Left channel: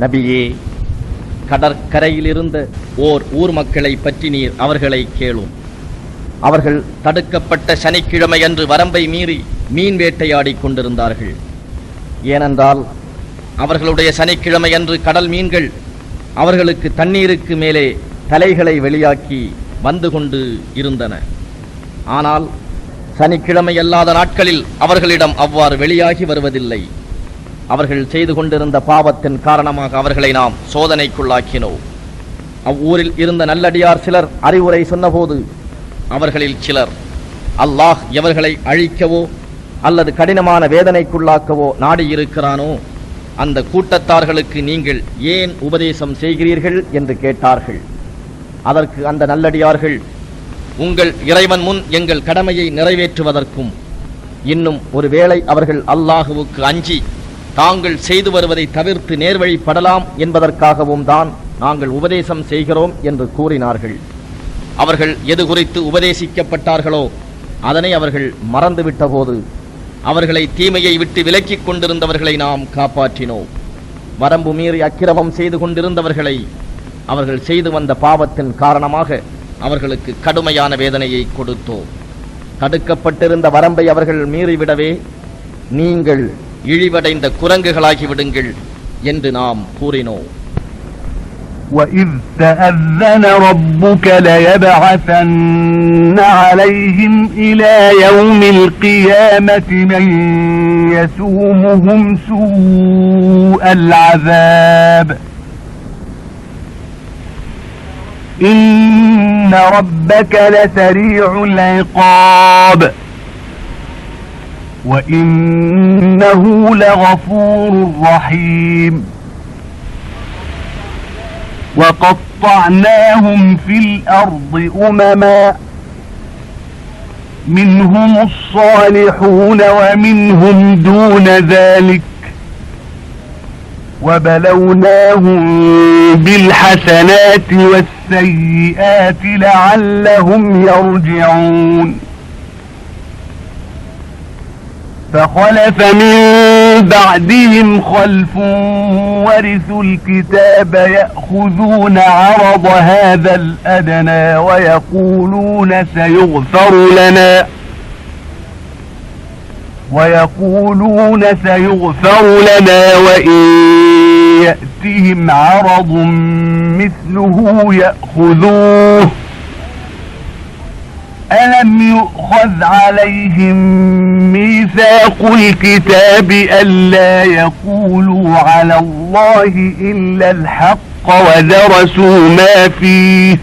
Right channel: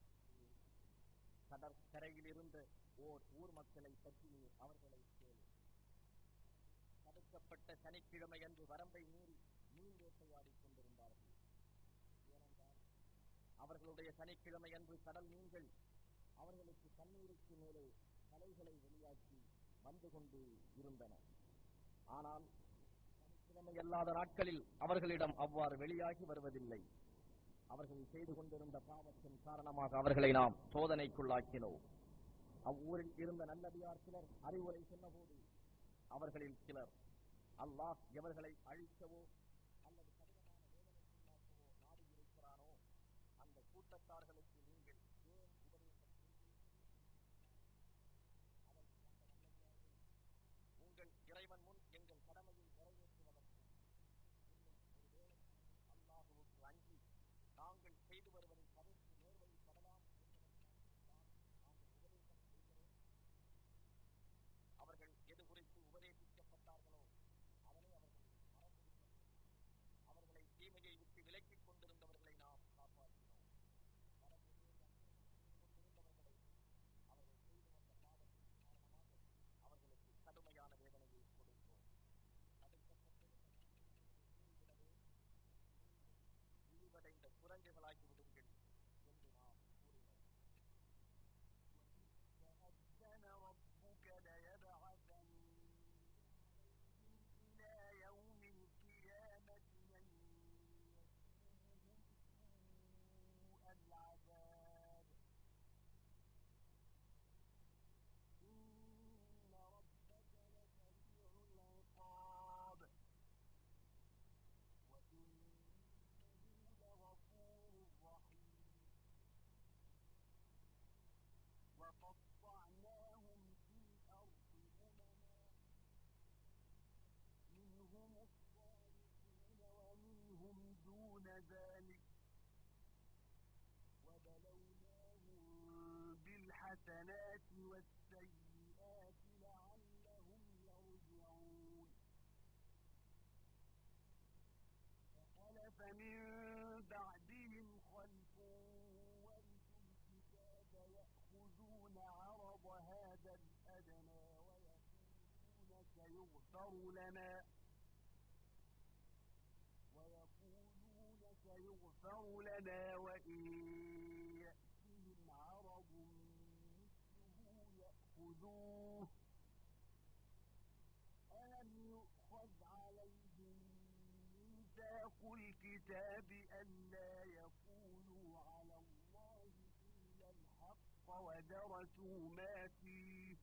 நபியே, கடற்கரையில் இருந்த ஓர் ஊர் மக்களை பற்றி நீர் அவர்களை கேளும். அவர்கள் தடுக்கப்பட்ட சனிக்கிழமை அன்று வரம்பை மீறி மீன் வேட்டையாடி கொண்டிருந்தார்கள். ஏனென்றால் அவர்களுடைய சனிக்கிழமை அன்று கடல் மீன்கள் அவர்களுக்கு தண்ணீருக்கு மேலே தலைகளை வெளியாக்கி வந்து கொண்டு இருந்தன. ஆனால் சனிக்கிழமை அல்லாத நாட்களில் அவர்களிடம் அவ்வாறு வெளியாகி வருவதில்லை. அவர்கள் செய்து கொண்டிருந்த பாவத்தின் காரணமாக அவர்களை நாம் சோதனைக்குள்ளாக்கினோம். அவ்வூரில் இருந்த நல்லடியார் சிலர் அறிவுரை சொன்னபோது அவர்களில் சிலர், அல்லாஹ் எவர்களை அழிக்கவோ அல்லது கடினமான வேதனைக்குள்ளாக்கவோ நாடியிருக்கிறானோ அந்த கூட்டத்தார்களுக்கு நீங்கள் ஏன் உபதேசம் செய்கிறீர்கள் என்று கேட்டார்கள். அதற்கு அந்த நல்லடியார்கள், உங்கள் இறைவன் முன் எங்கள் கடமையை நிறைவேற்றுவதற்கும் இன்னும் ஒருவேளை அவர்கள் அல்லாஹுவுக்கு அஞ்சி தாங்கள் செய்து வருவதை தவிர்த்து நேர்வழிப்படலாம் என்பதற்காகவும் தான் நாங்கள் உபதேசம் செய்கிறோம் என்று கூறினார்கள். அவர்கள் எது குறித்து உபதேசிக்கப்பட்டார்களோ அதனை அவர்கள் மறந்துவிட்ட போது அவர்களை தீமையை விட்டு விலக்கிக் கொண்டிருந்தவர்களை நாம் காப்பாற்றினோம். வரம்பு மீறி அக்கிரமம் செய்து கொண்டிருந்தவர்களை அவர்கள் செய்து வந்த பாவத்தின் காரணமாக அவர்களுக்கு கடுமையான வேதனையை கொடுத்தோம். தடுக்கப்பட்டிருந்த வரம்பை அவர்கள் மீறிவிடவே நீங்கள் இழிவடைந்த குரங்குகளாகி விடுங்கள் என்று நாம் கூறினோம். وَإِذْ تَأَذَّنَ رَبُّكَ لَيَبْعَثَنَّ عَلَيْهِمْ إِلَى يَوْمِ الْقِيَامَةِ مَنْ يَسُومُهُمْ سُوءَ الْعَذَابِ إِنَّ رَبَّكَ لَسَرِيعُ الْعِقَابِ وَإِنَّهُ لَغَفُورٌ رَحِيمٌ وَقَطَّعْنَاهُمْ فِي الْأَرْضِ أُمَمًا مِنْهُمُ الصَّالِحُونَ وَمِنْهُمْ دُونَ ذَلِكَ وَبَلَوْنَاهُمْ بِالْحَسَنَاتِ وَالسَّيِّئَاتِ لَعَلَّهُمْ يَرْجِعُونَ فَخَلَفَ مِنْ بَعْدِهِمْ خَلْفٌ وَرِثُوا الْكِتَابَ يَأْخُذُونَ عَرَضَ هَذَا الْأَدْنَى وَيَقُولُونَ سَيُغْفَرُ لَنَا وَإِنْ يَأْتِهِمْ عَرَضٌ مِثْلُهُ يَأْخُذُوهُ أَلَمْ يُؤْخَذْ عَلَيْهِمْ مِيثَاقُ الْكِتَابِ أَلَّا يَقُولُوا عَلَى اللَّهِ إِلَّا الْحَقَّ وَدَرَسُوا مَا فِيهِ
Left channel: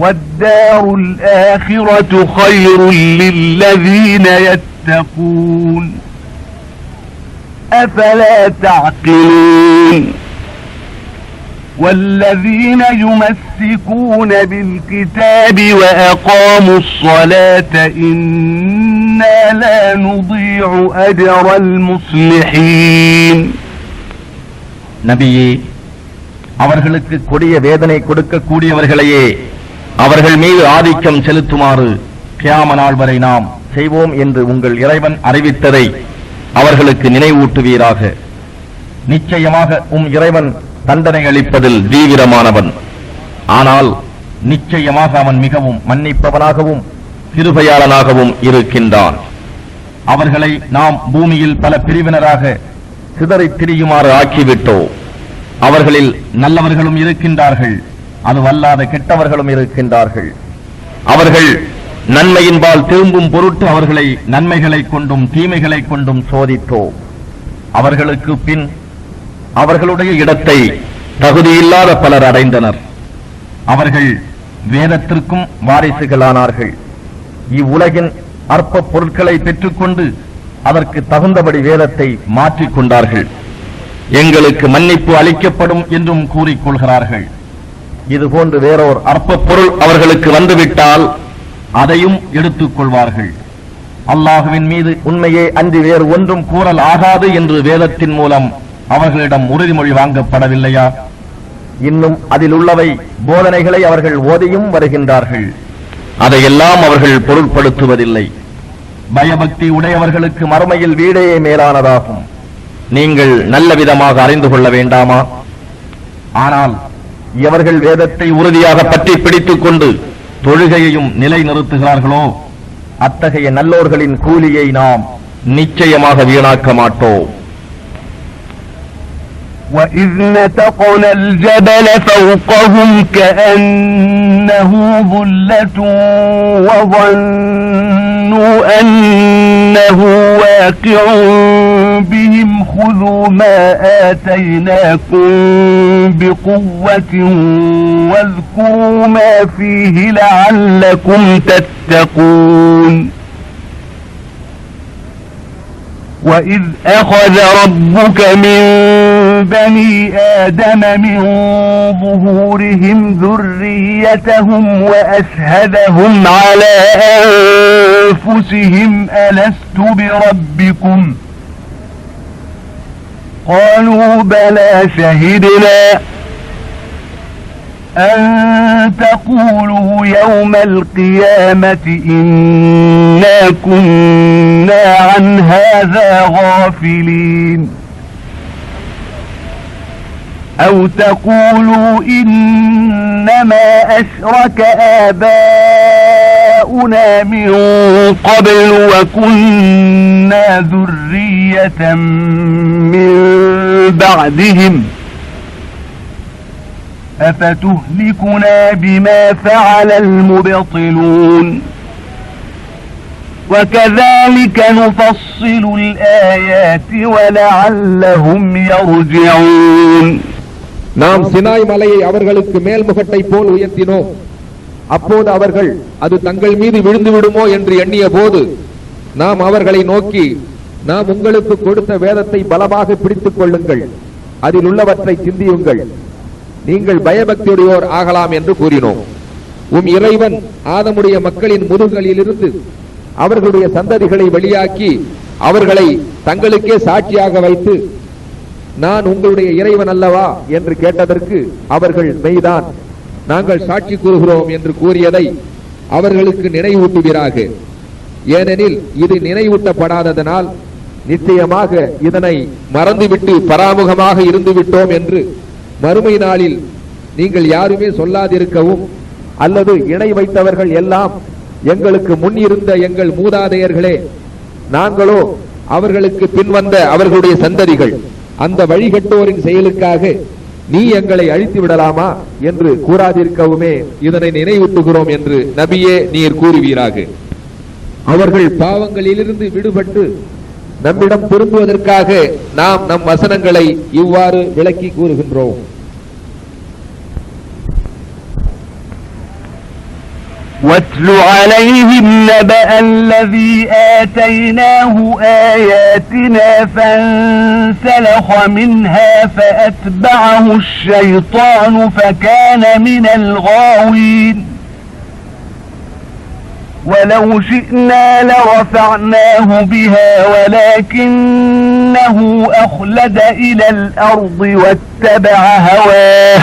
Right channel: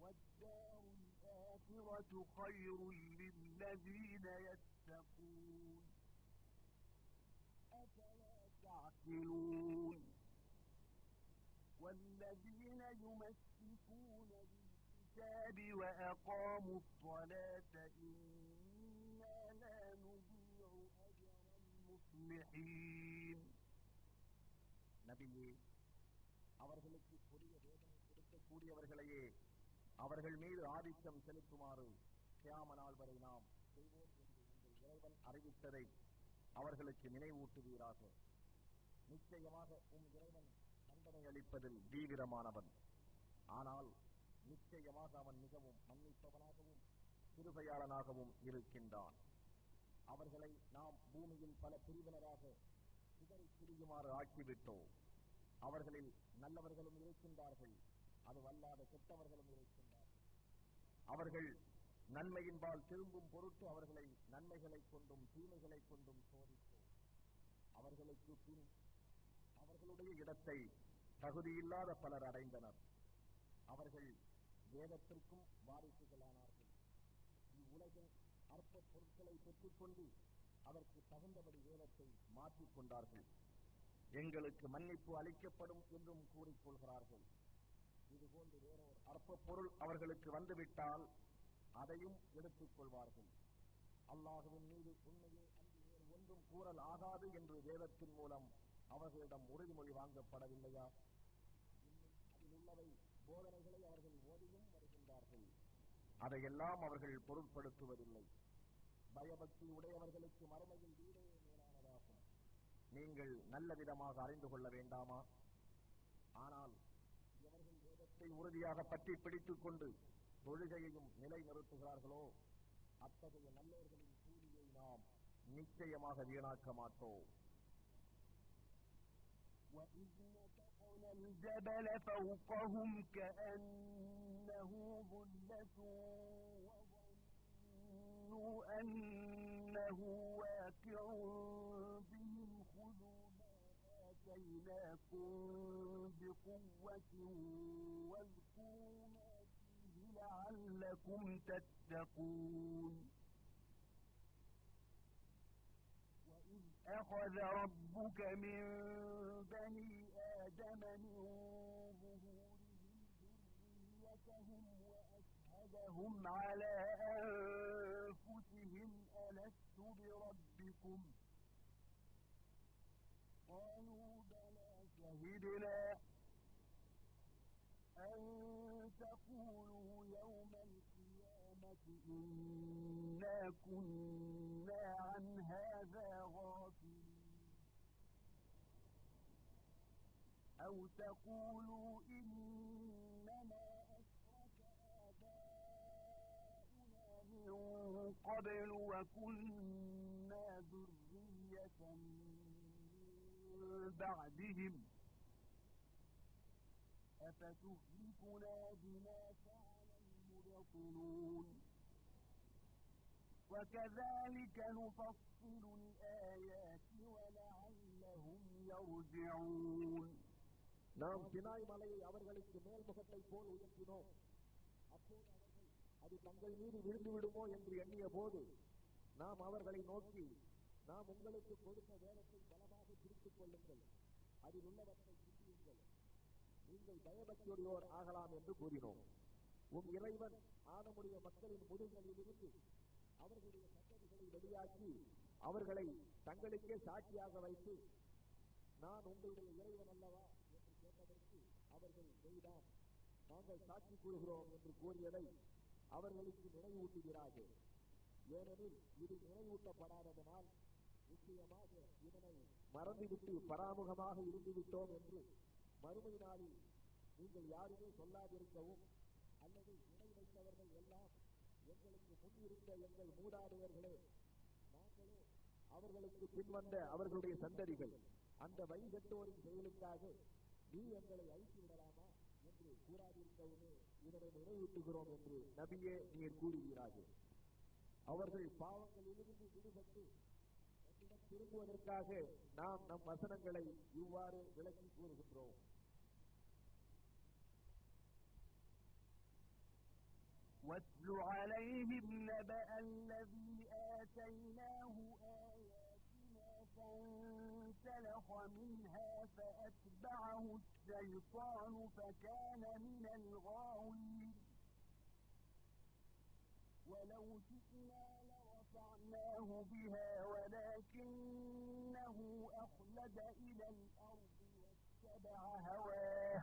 وَالدَّارُ الْآخِرَةُ خَيْرٌ لِلَّذِينَ يَتَّقُونَ أَفَلَا تَعْقِلُونَ وَالَّذِينَ يُمَسِّكُونَ بِالْكِتَابِ وَأَقَامُوا الصَّلَاةَ إِنَّا لَا نُضِيعُ أَجْرَ الْمُصْلِحِينَ நபியே, அவர்களுக்கு கொடிய வேதனை கொடுக்கக்கூடியவர்களையே அவர்கள் மீது ஆதிக்கம் செலுத்துமாறு கியாம நாள் வரை நாம் செய்வோம் என்று உங்கள் இறைவன் அறிவித்ததை அவர்களுக்கு நினைவூட்டுவீராக. நிச்சயமாக இறைவன் தண்டனை அளிப்பதில் தீவிரமானவன். ஆனால் நிச்சயமாக அவன் மிகவும் மன்னிப்பவனாகவும் கிருபையாளனாகவும் இருக்கின்றான். அவர்களை நாம் பூமியில் பல பிரிவினராக சிதறித் திரியுமாறு ஆக்கிவிட்டோம். அவர்களில் நல்லவர்களும் இருக்கின்றார்கள், அதுவல்லாத கெட்டவர்களும் இருக்கின்றார்கள். அவர்கள் நன்மையின்பால் திரும்பும் பொருட்டு அவர்களை நன்மைகளை கொண்டும் தீமைகளை கொண்டும் சோதித்தோம். அவர்களுக்கு பின் அவர்களுடைய இடத்தை தகுதியில்லாத பலர் அடைந்தனர். அவர்கள் வேதத்திற்கும் வாரிசுகளானார்கள். இவ்வுலகின் அற்ப பொருட்களை பெற்றுக்கொண்டு அதற்கு தகுந்தபடி வேதத்தை மாற்றிக்கொண்டார்கள். எங்களுக்கு மன்னிப்பு அளிக்கப்படும் என்றும் கூறிக்கொள்கிறார்கள். இதுபோன்று வேறோர் அற்ப பொருள் அவர்களுக்கு வந்துவிட்டால் அதையும் எடுத்துக் கொள்வார்கள். அல்லாஹுவின் மீது உண்மையே அன்றி வேறு ஒன்றும் கூறல் ஆகாது என்று வேதத்தின் மூலம் அவர்களிடம் உறுதிமொழி வாங்கப்படவில்லையா? இன்னும் அதில் உள்ளவை போதனைகளை அவர்கள் ஓதியும் வருகின்றார்கள். அதையெல்லாம் அவர்கள் பொருட்படுத்துவதில்லை. பயபக்தி உடையவர்களுக்கு மறுமையில் வீடே மேலானதாகும். நீங்கள் நல்ல விதமாக அறிந்து கொள்ள வேண்டாமா? ஆனால் எவர்கள் வேதத்தை உறுதியாக பற்றி பிடித்துக் கொண்டு தொழுகையையும் நிலைநிறுத்துகிறார்களோ அத்தகைய நல்லோர்களின் கூலியை நாம் நிச்சயமாக வீணாக்க மாட்டோம். وَإِذْ نَتَقْنَا الْجَبَلَ فَوْقَهُمْ كَأَنَّهُ ظُلَّةٌ وَظَنُّوا أَنَّهُ واقع بِهِمْ خُذُوا مَا آتَيْنَاكُمْ بِقُوَّةٍ وَاذْكُرُوا مَا فِيهِ لَعَلَّكُمْ تَتَّقُونَ وَإِذْ أَخَذَ رَبُّكَ مِنْ بَنِي آدَمَ مِنْ ظُهُورِهِمْ ذُرِّيَّتَهُمْ وَأَشْهَدَهُمْ عَلَى أَنفُسِهِمْ أَلَسْتُ بِرَبِّكُمْ قَالُوا بَلَى شَهِدْنَا أَن تَقُولُوا يَوْمَ الْقِيَامَةِ إِنَّا كُنَّا عَنْ هَذَا غَافِلِينَ أَوْ تَقُولُوا إِنَّمَا أَشْرَكَ آبَاؤُنَا مِنْ قَبْلُ وَكُنَّا ذُرِّيَّةً مِنْ بَعْدِهِمْ أفتهلكنا بما فعل المبطلون وكذلك نفصل الآيات ولعلهم يرجعون. நாம் சினாய் மலையை அவர்களுக்கு மேல்முகட்டை போல் உயர்த்தினோம். அப்போது அவர்கள் அது தங்கள் மீது விழுந்து விடுமோ என்று எண்ணிய போது நாம் அவர்களை நோக்கி, நாம் உங்களுக்கு கொடுத்த வேதத்தை பலமாக பிடித்துக் கொள்ளுங்கள், அதில் உள்ளவற்றை சிந்தியுங்கள், நீங்கள் பயபக்தியுடையோர் ஆகலாம் என்று கூறினோம். உம் இறைவன் ஆதமுடைய மக்களின் முதுகளிலிருந்து அவர்களுடைய சந்ததிகளை வெளியாக்கி அவர்களை தங்களுக்கே சாட்சியாக வைத்து, நான் உங்களுடைய இறைவன் அல்லவா என்று கேட்டதற்கு அவர்கள் மெய்தான், நாங்கள் சாட்சி கூறுகிறோம் என்று கூறியதை அவர்களுக்கு நினைவூட்டுவீராக. ஏனெனில் இது நினைவூட்டப்படாததனால் நிச்சயமாக இதனை மறந்துவிட்டு பராமுகமாக இருந்து விட்டோம் என்று மறுமை நாளில் நீங்கள் யாருமே சொல்லாதிருக்கவும், அல்லது இணை வைத்தவர்கள் எல்லாம் எங்களுக்கு முன் இருந்த எங்கள் மூதாதையர்களே, நாங்களோ அவர்களுக்கு பின்வந்த அவர்களுடைய சந்ததிகள், அந்த வழிகட்டோரின் செயலுக்காக நீ எங்களை அழித்து விடலாமா என்று கூறாதிருக்கவுமே இதனை நினைவூட்டுகிறோம் என்று நபியே நீர் கூறுவீராக. அவர்கள் பாவங்களிலிருந்து விடுபட்டு நம்மிடம் திரும்புவதற்காக நாம் நம் வசனங்களை இவ்வாறு விளக்கி கூறுகின்றோம். وَاتْلُ عَلَيْهِمْ نَبَأَ الَّذِي آتَيْنَاهُ آيَاتِنَا فَانسَلَخَ مِنْهَا فَأَتْبَعَهُ الشَّيْطَانُ فَكَانَ مِنَ الْغَاوِينَ وَلَوْ شِئْنَا لَرَفَعْنَاهُ بِهَا وَلَكِنَّهُ أَخْلَدَ إِلَى الْأَرْضِ وَاتَّبَعَ هَوَاهُ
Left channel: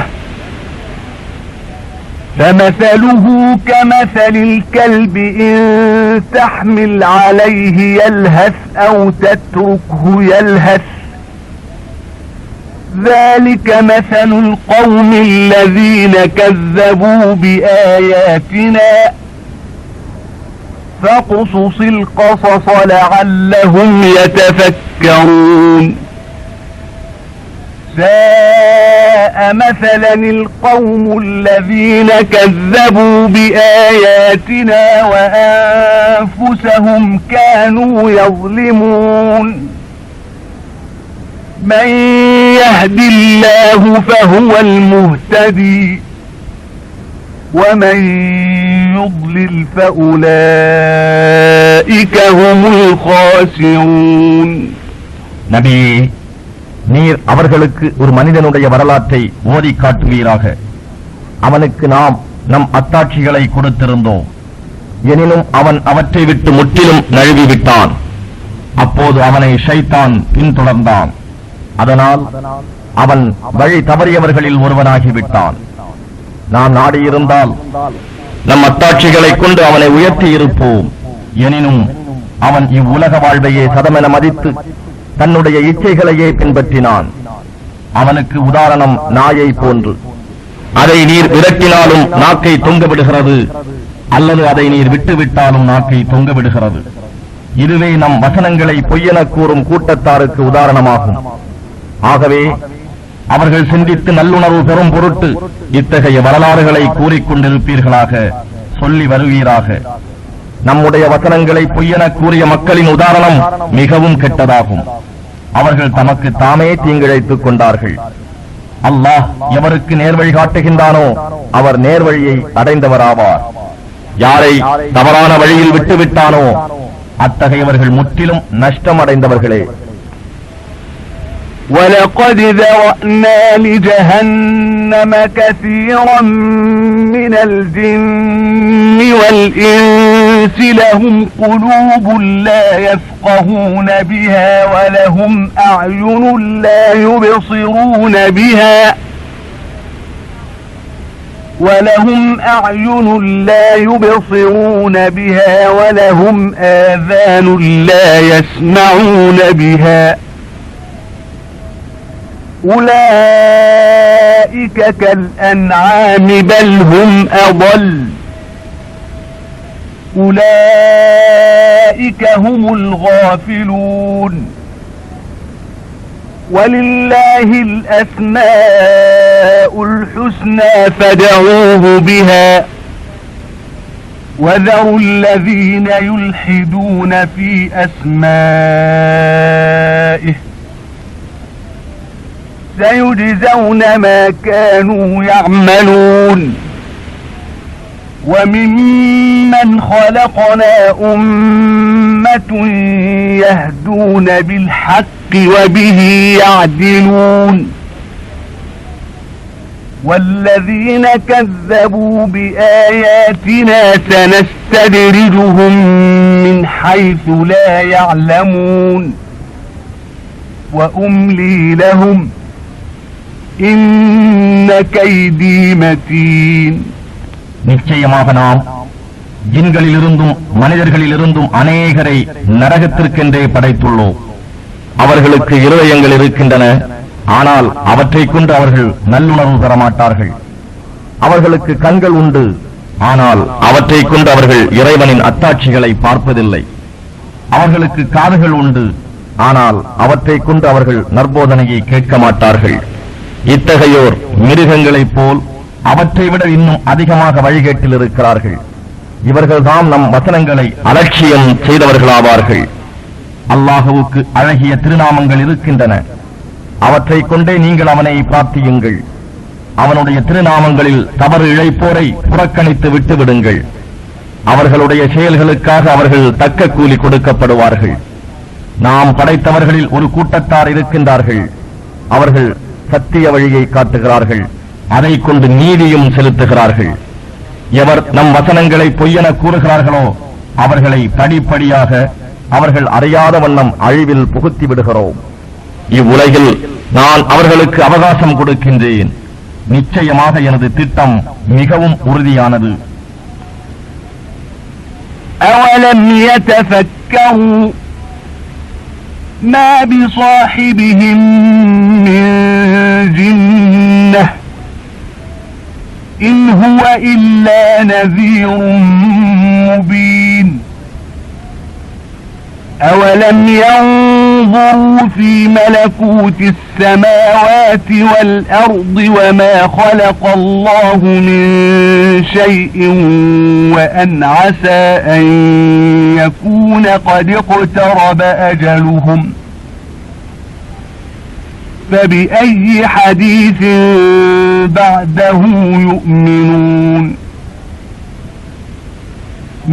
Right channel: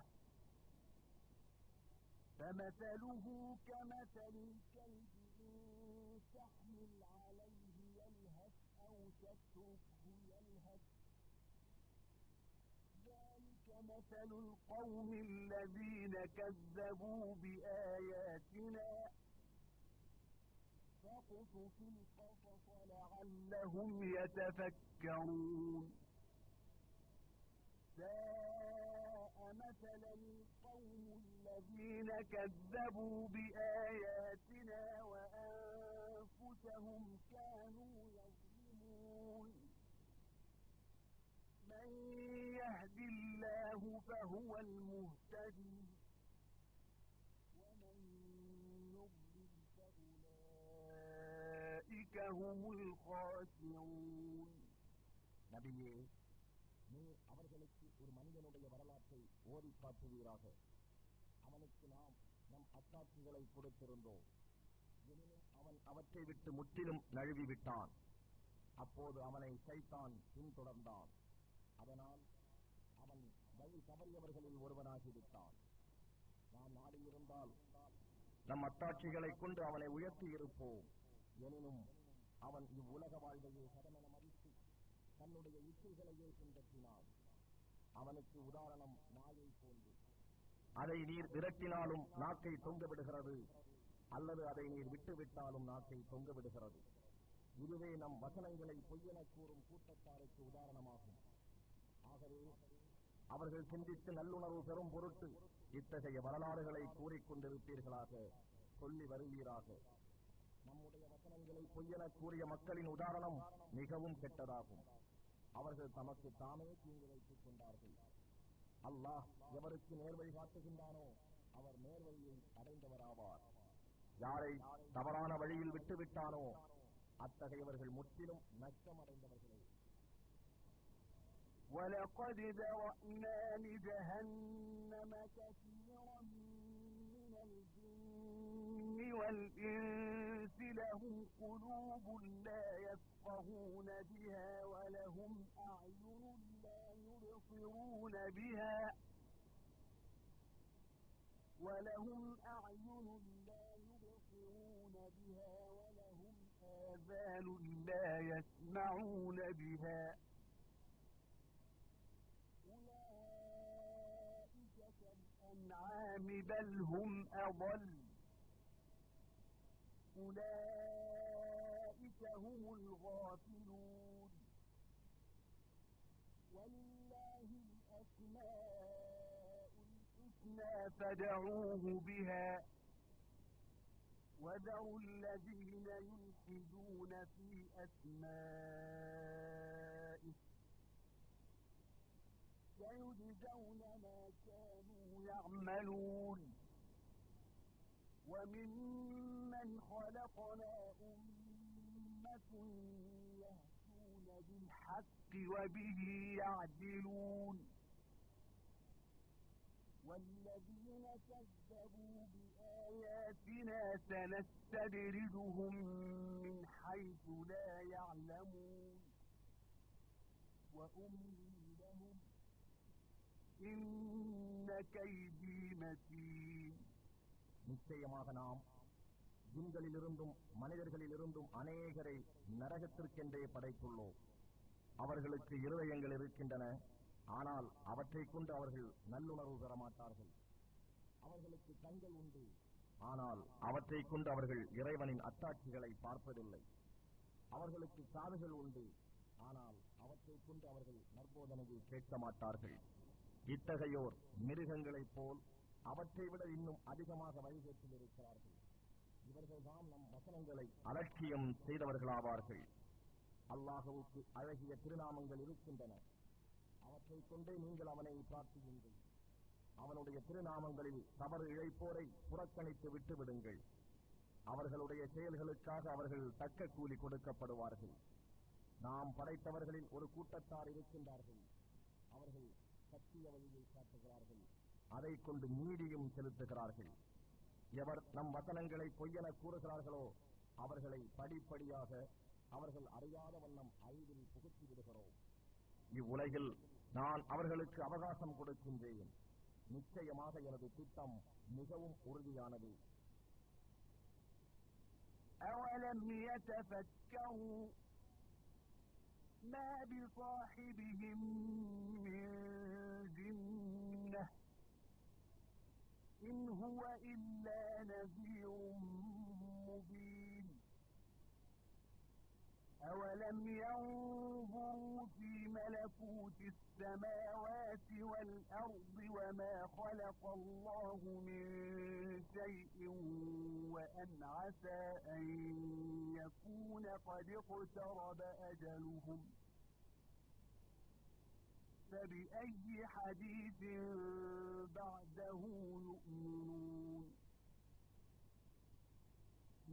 فَمَثَلُهُ كَمَثَلِ الْكَلْبِ إِن تَحْمِلْ عَلَيْهِ يَلْهَثْ أَوْ تَتْرُكْهُ يَلْهَث ذَلِكَ مَثَلُ الْقَوْمِ الَّذِينَ كَذَّبُوا بِآيَاتِنَا فَاقْصُصِ الْقَصَصَ لَعَلَّهُمْ يَتَفَكَّرُونَ. سَاءَ مَثَلًا الْقَوْمُ الَّذِينَ كَذَّبُوا بِآيَاتِنَا وَأَنفُسَهُمْ كَانُوا يَظْلِمُونَ. مَن يَهْدِ اللَّهُ فَهُوَ الْمُهْتَدِي وَمَن يُضْلِلْ فَأُولَئِكَ هُمُ الْخَاسِرُونَ. நபியே, நீர் அவர்களுக்கு ஒரு மனிதனுடைய வரலாற்றை ஓதி காட்டுவீராக. அவனுக்கு நாம் நம் அத்தாட்சிகளை கொடுத்திருந்தோம். எனினும் அவன் அவற்றை விட்டு முற்றிலும் நழுவிவிட்டான். அப்போது அவனை ஷைத்தான் பின்தொடர்ந்தான். அதனால் அவன் வழி தவறியவர்களில் ஒருவனாகிவிட்டான். நாம் நாடியிருந்தால் நம் அத்தாட்சிகளை கொண்டு அவனை உயர்த்தி இருப்போம். எனினும் அவன் இவ்வுலக வாழ்வையே சதமென மதித்து தன்னுடைய இச்சைகளையே பின்பற்றினான். அவனுக்கு உதாரணம் நாயை போன்று. அதை நீர் விரட்டினாலும் நாக்கை தொங்கவிடுகிறது, அல்லது அதை நீர் விட்டுவிட்டாலும் நாக்கை தொங்கவிடுகிறது. இதுவே நம் வசனங்களை பொய்யென கூறும் கூட்டத்தாருக்கு உதாரணமாகும். ஆகவே அவர்கள் சிந்தித்து நல்லுணர்வு பெறும் பொருட்டு இத்தகைய வரலாறுகளை கூறிக்கொண்டிருப்பீர்களாக, சொல்லி வருவீராக. நம்முடைய வசனங்களை பொய்யென கூறிய மக்களின் உதாரணம் மிகவும் கெட்டதாகும். அவர்கள் தமக்கு தாமே தீங்கிழைத்துக் கொண்டார்கள். அல்லாஹ் எவருக்கு நேர்வழி காட்டுகின்றானோ அவர் நேர்வழியை அடைந்தவராவார். யாரை தவறான வழியில் விட்டுவிட்டானோ அத்தகையவர்கள் முற்றிலும் நஷ்டம் அடைந்தவர்களே. وَلَقَدْ ذَرَأْنَا لِجَهَنَّمَ كَثِيرًا مِنَ الْجِنِّ وَالْإِنسِ لَهُمْ قُلُوبٌ لَا يَفْقَهُونَ بِهَا وَلَهُمْ أَعْيُنٌ لَا يُبْصِرُونَ بِهَا وَلَهُمْ آذَانٌ لَا يَسْمَعُونَ بِهَا أولئك كالأنعام بل هم أضل أولئك هم الغافلون ولله الأسماء الحسنى فادعوه بها وذروا الذين يلحدون في أسمائه سيجزون ما كانوا يعملون وممن خلقنا أمة يهدون بالحق وبه يعدلون والذين كذبوا بآياتنا سنستدرجهم من حيث لا يعلمون وأملي لهم إن كيدي متين. நிச்சயமாக நாம் ஜின்களிலிருந்தும் மனிதர்களிலிருந்தும் அநேகரை நரகத்திற்கென்றே படைத்துள்ளோம். அவர்களுக்கு இருதயங்கள் இருக்கின்றன, ஆனால் அவற்றை கொண்டு அவர்கள் நல்லுணர்வு பெற மாட்டார்கள். அவர்களுக்கு கண்கள் உண்டு, ஆனால் அவற்றை கொண்டு அவர்கள் இறைவனின் அத்தாட்சிகளை பார்ப்பதில்லை. அவர்களுக்கு காதுகள் உண்டு, ஆனால் அவற்றை கொண்டு அவர்கள் நற்போதனையை கேட்க மாட்டார்கள். இத்தகையோர் மிருகங்களைப் போல் அவற்றை விட இன்னும் அதிகமாக வழிகேட்டில் இருக்கிறார்கள். இவர்கள்தான் நம் வசனங்களை அலட்சியம் செய்தவர்களாவார்கள். அல்லாஹுவுக்கு அழகிய திருநாமங்கள் இருக்கின்றன, அவற்றை கொண்டே நீங்கள் அவனை பிரார்த்தியுங்கள். அவனுடைய திருநாமங்களில் தவறு இழைப்போரை புறக்கணித்து விட்டுவிடுங்கள். அவர்களுடைய செயல்களுக்காக அவர்கள் தக்க கூலி கொடுக்கப்படுவார்கள். நாம் படைத்தவர்களில் ஒரு கூட்டத்தார் இருக்கின்றார்கள், அவர்கள் சத்திய வழியை காட்டுகிறார்கள், அதை கொண்டு நீதியும் செலுத்துகிறார்கள். எவர் நம் வசனங்களை பொய்யென கூறுகிறார்களோ அவர்களை படிப்படியாக அவர்கள் அறியாத வண்ணம் அழிவில் புகுத்தி விடுகிறோம். இவ்வுலகில் நான் அவர்களுக்கு அவகாசம் கொடுக்கின்றேன். நிச்சயமாக எனது திட்டம் மிகவும் உறுதியானது. أَوَلَمْ يَتَفَكَّرُوا مَا بِصَاحِبِهِمْ مِنْ جِنَّةٍ إِنْ هُوَ إِلَّا نَذِيرٌ مُبِينٌ أَوَلَمْ يَنْظُرُوا فِي مَلَكُوتِ السَّمَاوَاتِ وَالْأَرْضِ وَمَا خَلَقَ اللَّهُ مِنْ شَيْءٍ وَأَنْ عَسَى أَنْ يَكُونَ قَدِ اقْتَرَبَ أَجَلُهُمْ فَبِأَيِّ حَدِيثٍ بَعْدَهُ يُؤْمِنُونَ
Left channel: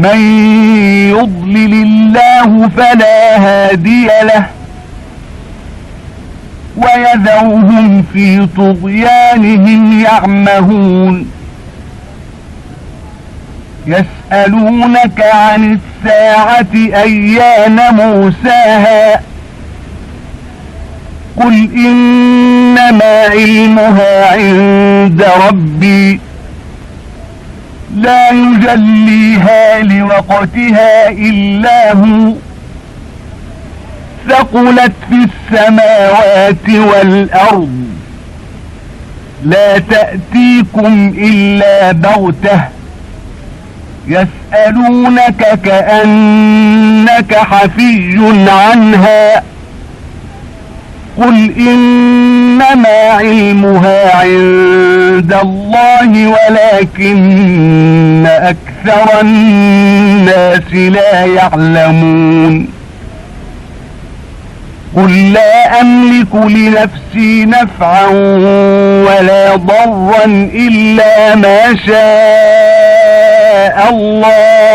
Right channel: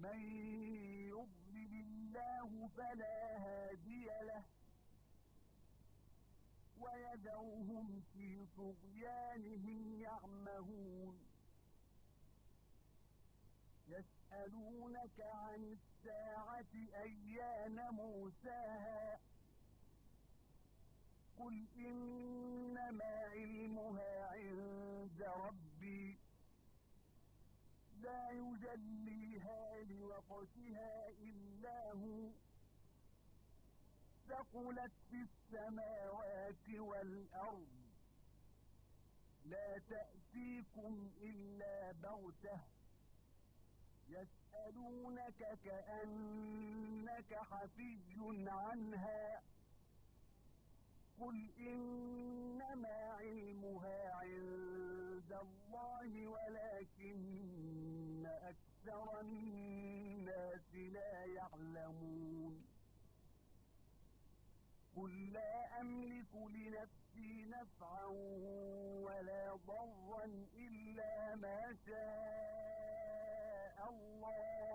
مَنْ يُضْلِلِ اللَّهُ فَلَا هَادِيَ لَهُ وَيَذَرُهُمْ فِي طُغْيَانِهِمْ يَعْمَهُونَ يَسْأَلُونَكَ عَنِ السَّاعَةِ أَيَّانَ مُرْسَاهَا قُلْ إِنَّمَا عِلْمُهَا عِندَ رَبِّي لا يجليها لوقتها إلا هو ثقلت في السماوات والأرض لا تأتيكم إلا بغتة يسألونك كأنك حفي عنها قل إنما علمها عند الله ولكن أكثر الناس لا يعلمون قل لا أملك لنفسي نفعا ولا ضرا إلا ما شاء الله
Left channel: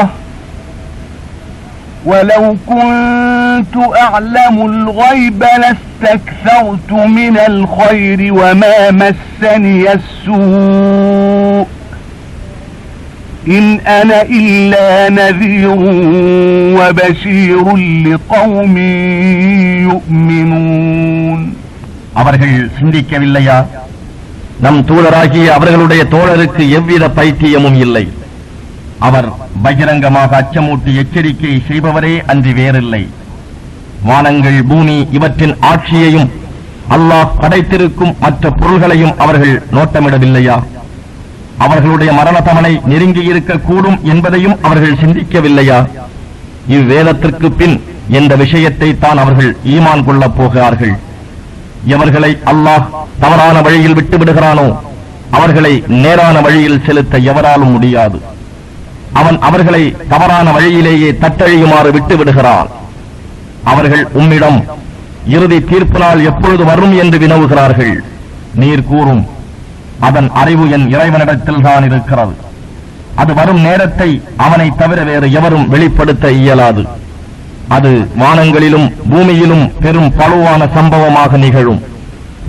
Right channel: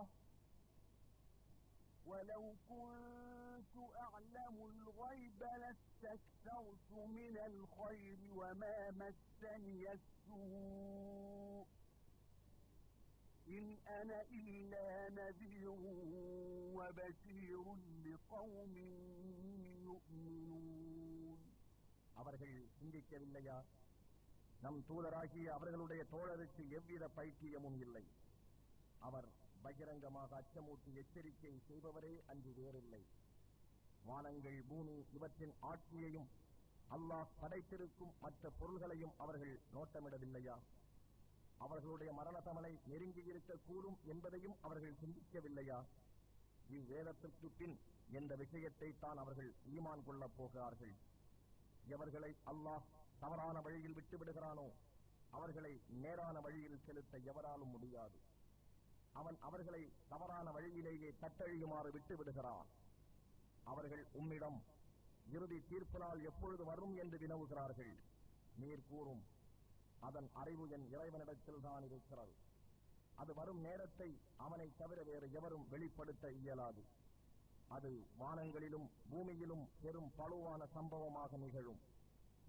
ولو كنت أعلم الغيب لاستكثرت من الخير وما مسني السوء إن أنا إلا نذير وبشير لقوم يؤمنون. அவர்கள் சிந்திக்கவில்லையா? நம் தூதராகிய அவர்களுடைய தோழருக்கு எவ்வித பைத்தியமும் இல்லை. அவர் பகிரங்கமாக அச்சமூட்டி எச்சரிக்கை செய்பவரே அன்றி வேறில்லை. வானங்கள், பூமி இவற்றின் ஆட்சியையும் அல்லாஹ் படைத்திருக்கும் மற்ற பொருள்களையும் அவர்கள் நோட்டமிடவில்லையா? அவர்களுடைய மரண தமனை நெருங்கி இருக்கக்கூடும் என்பதையும் அவர்கள் சிந்திக்கவில்லையா? இவ்வேதத்திற்கு பின் என்ற விஷயத்தை தான் அவர்கள் ஈமான் கொள்ளப் போகிறார்கள். எவர்களை அல்லாஹ் தவறான வழியில் விட்டுவிடுகிறானோ அவர்களை நேரான வழியில் செலுத்த எவராலும் முடியாது. அவன் அவர்களை தவறான வழியிலேயே தத்தழியுமாறு விட்டு விடுகிறான். அவர்கள் உம்மிடம் இறுதி தீர்ப்பு நாள் எப்பொழுது வரும் என்று வினவுகிறார்கள். நீர் கூறும், அதன் அறிவு என் இறைவனிடத்தில் தான் இருக்கிறது. அது வரும் நேரத்தை அவனை தவிர வேறு எவரும் வெளிப்படுத்த இயலாது. அது வானங்களிலும் பூமியிலும் பெரும் பழுவான சம்பவமாக நிகழும்.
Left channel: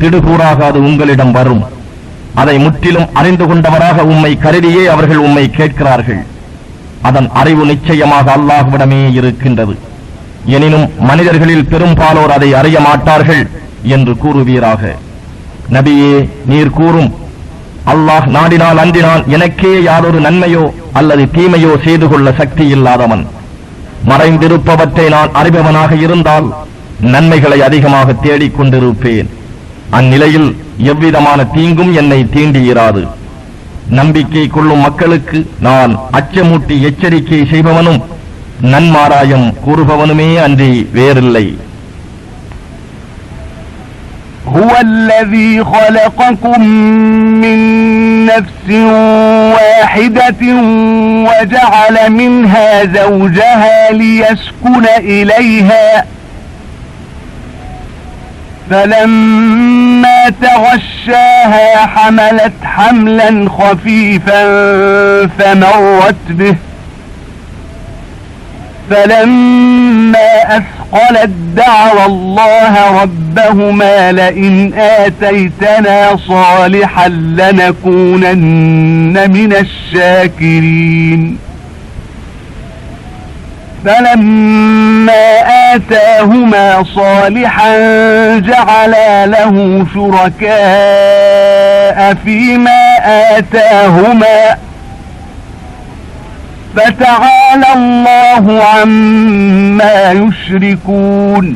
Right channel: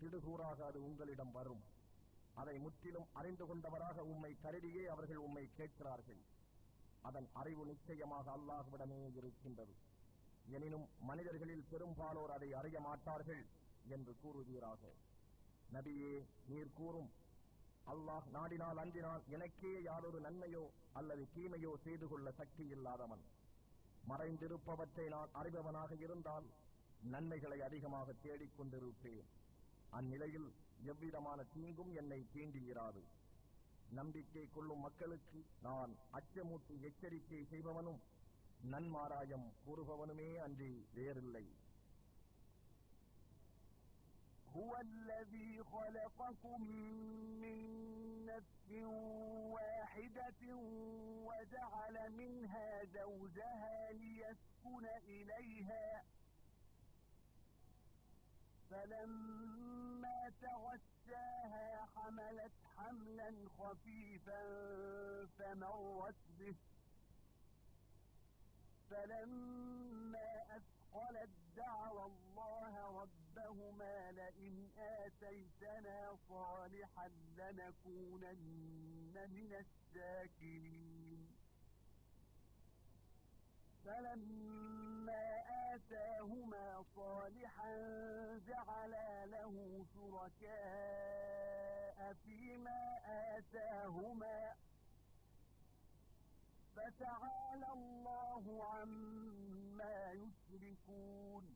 திடுகூறாக அது உங்களிடம் வரும். அதை முற்றிலும் அறிந்து கொண்டவராக உம்மை கருதியே அவர்கள் உம்மை கேட்கிறார்கள். அதன் அறிவு நிச்சயமாக அல்லாஹ்விடமே இருக்கின்றது. எனினும் மனிதர்களில் பெரும்பாலோர் அதை அறிய மாட்டார்கள் என்று கூறுவீராக. நபியே, நீர் கூறும், அல்லாஹ் நாடினால் அன்றினால் எனக்கே யாரொரு நன்மையோ அல்லது தீமையோ செய்து கொள்ள சக்தி இல்லாதவன். மறைந்திருப்பவற்றை நான் அறிபவனாக இருந்தால் நன்மைகளை அதிகமாக தேடிக் கொண்டிருப்பேன். அந்நிலையில் எவ்விதமான தீங்கும் என்னை தீண்டியிராது. நம்பிக்கை கொள்ளும் மக்களுக்கு நான் அச்சமூட்டி எச்சரிக்கை செய்பவனும் நன்மாராயம் கூறுபவனுமே அன்றி வேறில்லை. هو الذي خلقكم من نفس واحدة وجعل منها زوجها ليسكن إليها فلما تغشاها حملت حملا خفيفا فمرت به فلما أثقلت دعوا الله ربهما لئن آتيتنا صالحا لنكونن من الشاكرين فلما آتاهما صالحا جعلا له شركاء فيما آتاهما فتعالى الله عما يشركون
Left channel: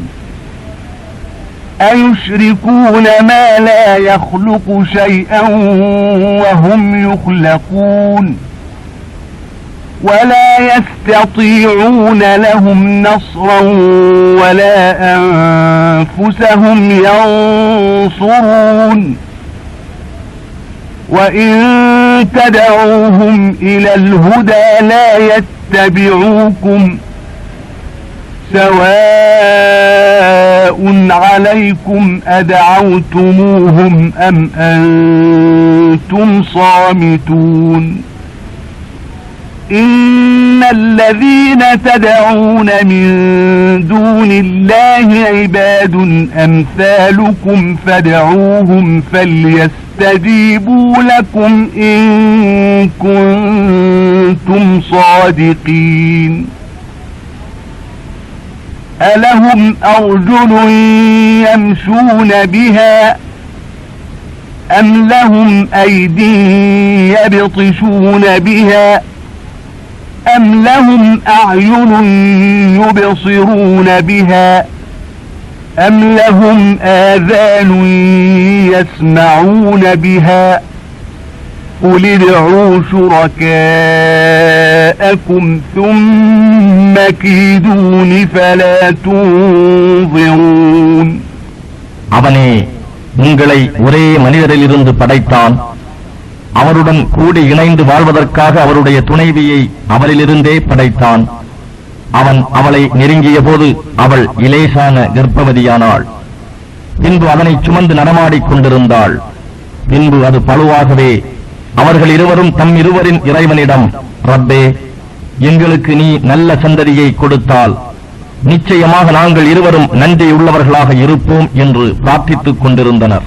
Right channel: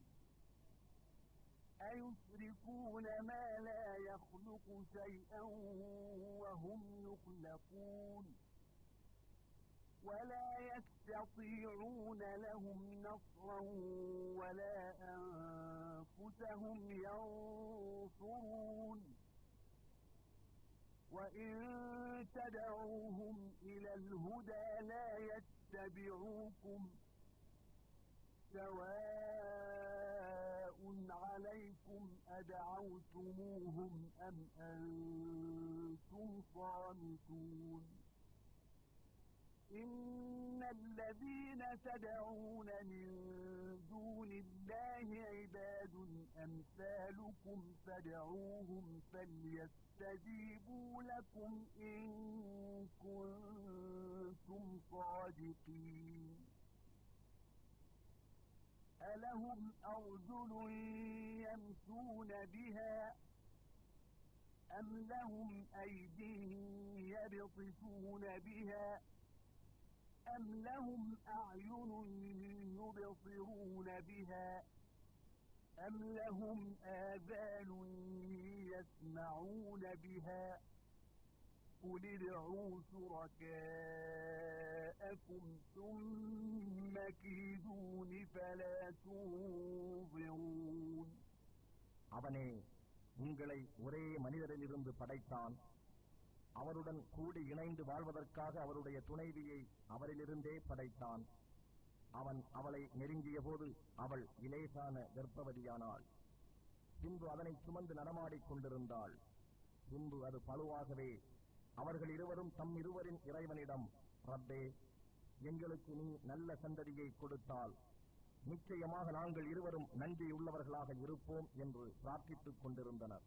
أيشركون ما لا يخلق شيئا وهم يخلقون ولا يستطيعون لهم نصرا ولا أنفسهم ينصرون وإن تدعوهم إلى الهدى لا يتبعوكم سواء عليكم أدعوتموهم أم أنتم صامتون إن الذين تدعون من دون الله عباد أمثالكم فادعوهم فليستجيبوا لكم إن كنتم صادقين ألهم أرجل يمشون بها أم لهم أيدي يبطشون بها أم لهم أعين يبصرون بها أم لهم آذان يسمعون بها قل ادعوا شركاءكم ثم كيدون فلا تنظرون. அவனே உங்களை ஒரே மனிதரிலிருந்து படைத்தான். அவருடன் கூடி இணைந்து வாழ்வதற்காக அவருடைய துணைவியை அவரிலிருந்தே படைத்தான். அவன் அவளை நெருங்கிய போது அவள் இலேசான கர்ப்பவதியானாள். பின்பு அதனை சுமந்து நடமாடிக் கொண்டிருந்தாள். பின்பு அது பழுவாகவே அவர்கள் இருவரும் தம் இருவரின் இறைவனிடம், ரப்பே, எங்களுக்கு நீ நல்ல சந்ததியை கொடுத்தால் நிச்சயமாக நாங்கள் இருவரும் நன்றியுள்ளவர்களாக இருப்போம் என்று பிரார்த்தித்துக் கொண்டிருந்தனர்.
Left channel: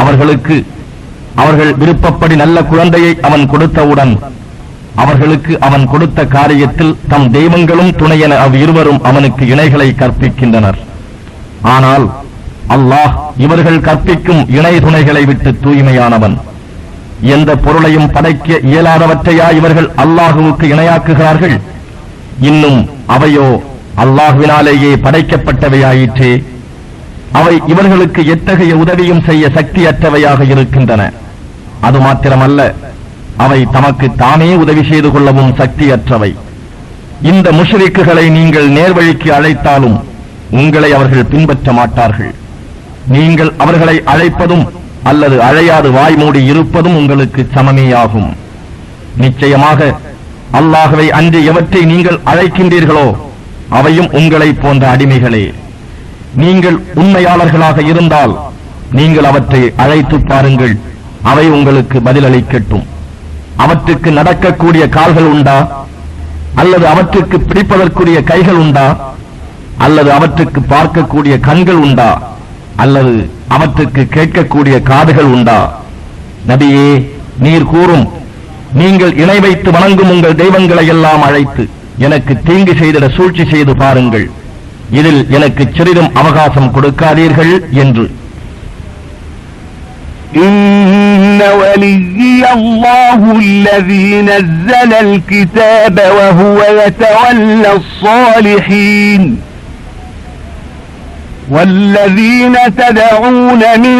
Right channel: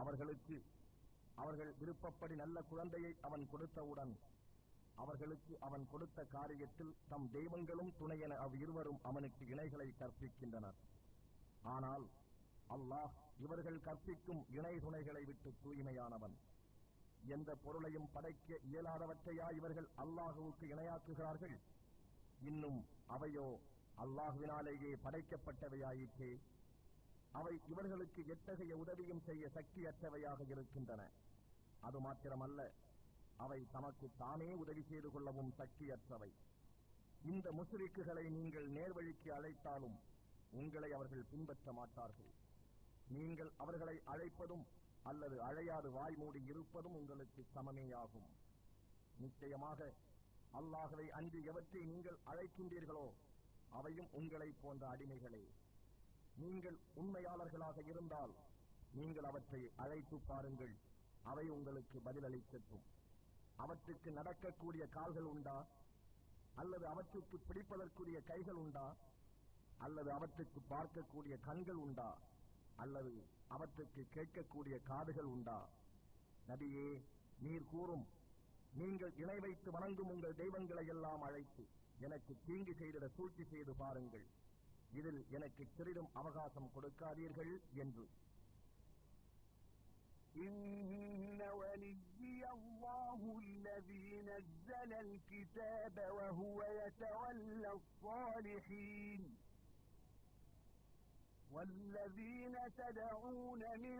அவர்களுக்கு அவர்கள் விருப்பப்படி நல்ல குழந்தையை அவன் கொடுத்தவுடன் அவர்களுக்கு அவன் கொடுத்த காரியத்தில் தம் தெய்வங்களும் துணையென அவ்விருவரும் அவனுக்கு இணைகளை கற்பிக்கின்றனர். ஆனால் அல்லாஹ் இவர்கள் கற்பிக்கும் இணை துணைகளை விட்டு தூய்மையானவன். எந்த பொருளையும் படைக்க இயலாதவற்றையா இவர்கள் அல்லாஹுவுக்கு இணையாக்குகிறார்கள்? இன்னும் அவையோ அல்லாஹ்வினாலேயே படைக்கப்பட்டவையாயிற்றே. அவை இவர்களுக்கு எத்தகைய உதவியும் செய்ய சக்தியற்றவையாக இருக்கின்றன. அது மாத்திரமல்ல, அவை தமக்கு தாமே உதவி செய்து கொள்ளவும் சக்தியற்றவை. இந்த முஷ்ரிக்குகளை நீங்கள் நேர்வழிக்கு அழைத்தாலும் உங்களை அவர்கள் பின்பற்ற மாட்டார்கள். நீங்கள் அவர்களை அழைப்பதும் அல்லது அழையாது வாய் மூடி இருப்பதும் உங்களுக்கு சமமேயாகும். நிச்சயமாக அல்லாஹ்வை அன்றி எவற்றை நீங்கள் அழைக்கின்றீர்களோ அவையும் உங்களை போன்ற அடிமைகளே. நீங்கள் உண்மையாளர்களாக இருந்தால் நீங்கள் அவற்றை அழைத்து பாருங்கள், அவை உங்களுக்கு பதிலளிக்கட்டும். அவற்றுக்கு நடக்கக்கூடிய கால்கள் உண்டா? அல்லது அவற்றுக்கு பிடிப்பதற்குரிய கைகள் உண்டா? அல்லது அவற்றுக்கு பார்க்கக்கூடிய கண்கள் உண்டா? அல்லது அவற்றுக்கு கேட்கக்கூடிய காதுகள் உண்டா? நபியே, நீர் கூறும், நீங்கள் இணை வைத்து வணங்கும் உங்கள் தெய்வங்களை எல்லாம் அழைத்து எனக்கு தீங்கு செய்திட சூழ்ச்சி செய்து பாருங்கள், இதில் எனக்கு சிறிதும் அவகாசம் கொடுக்காதீர்கள் என்று. إن وليي الله الذي نزل الكتاب وهو يتولى الصالحين والذين تدعون من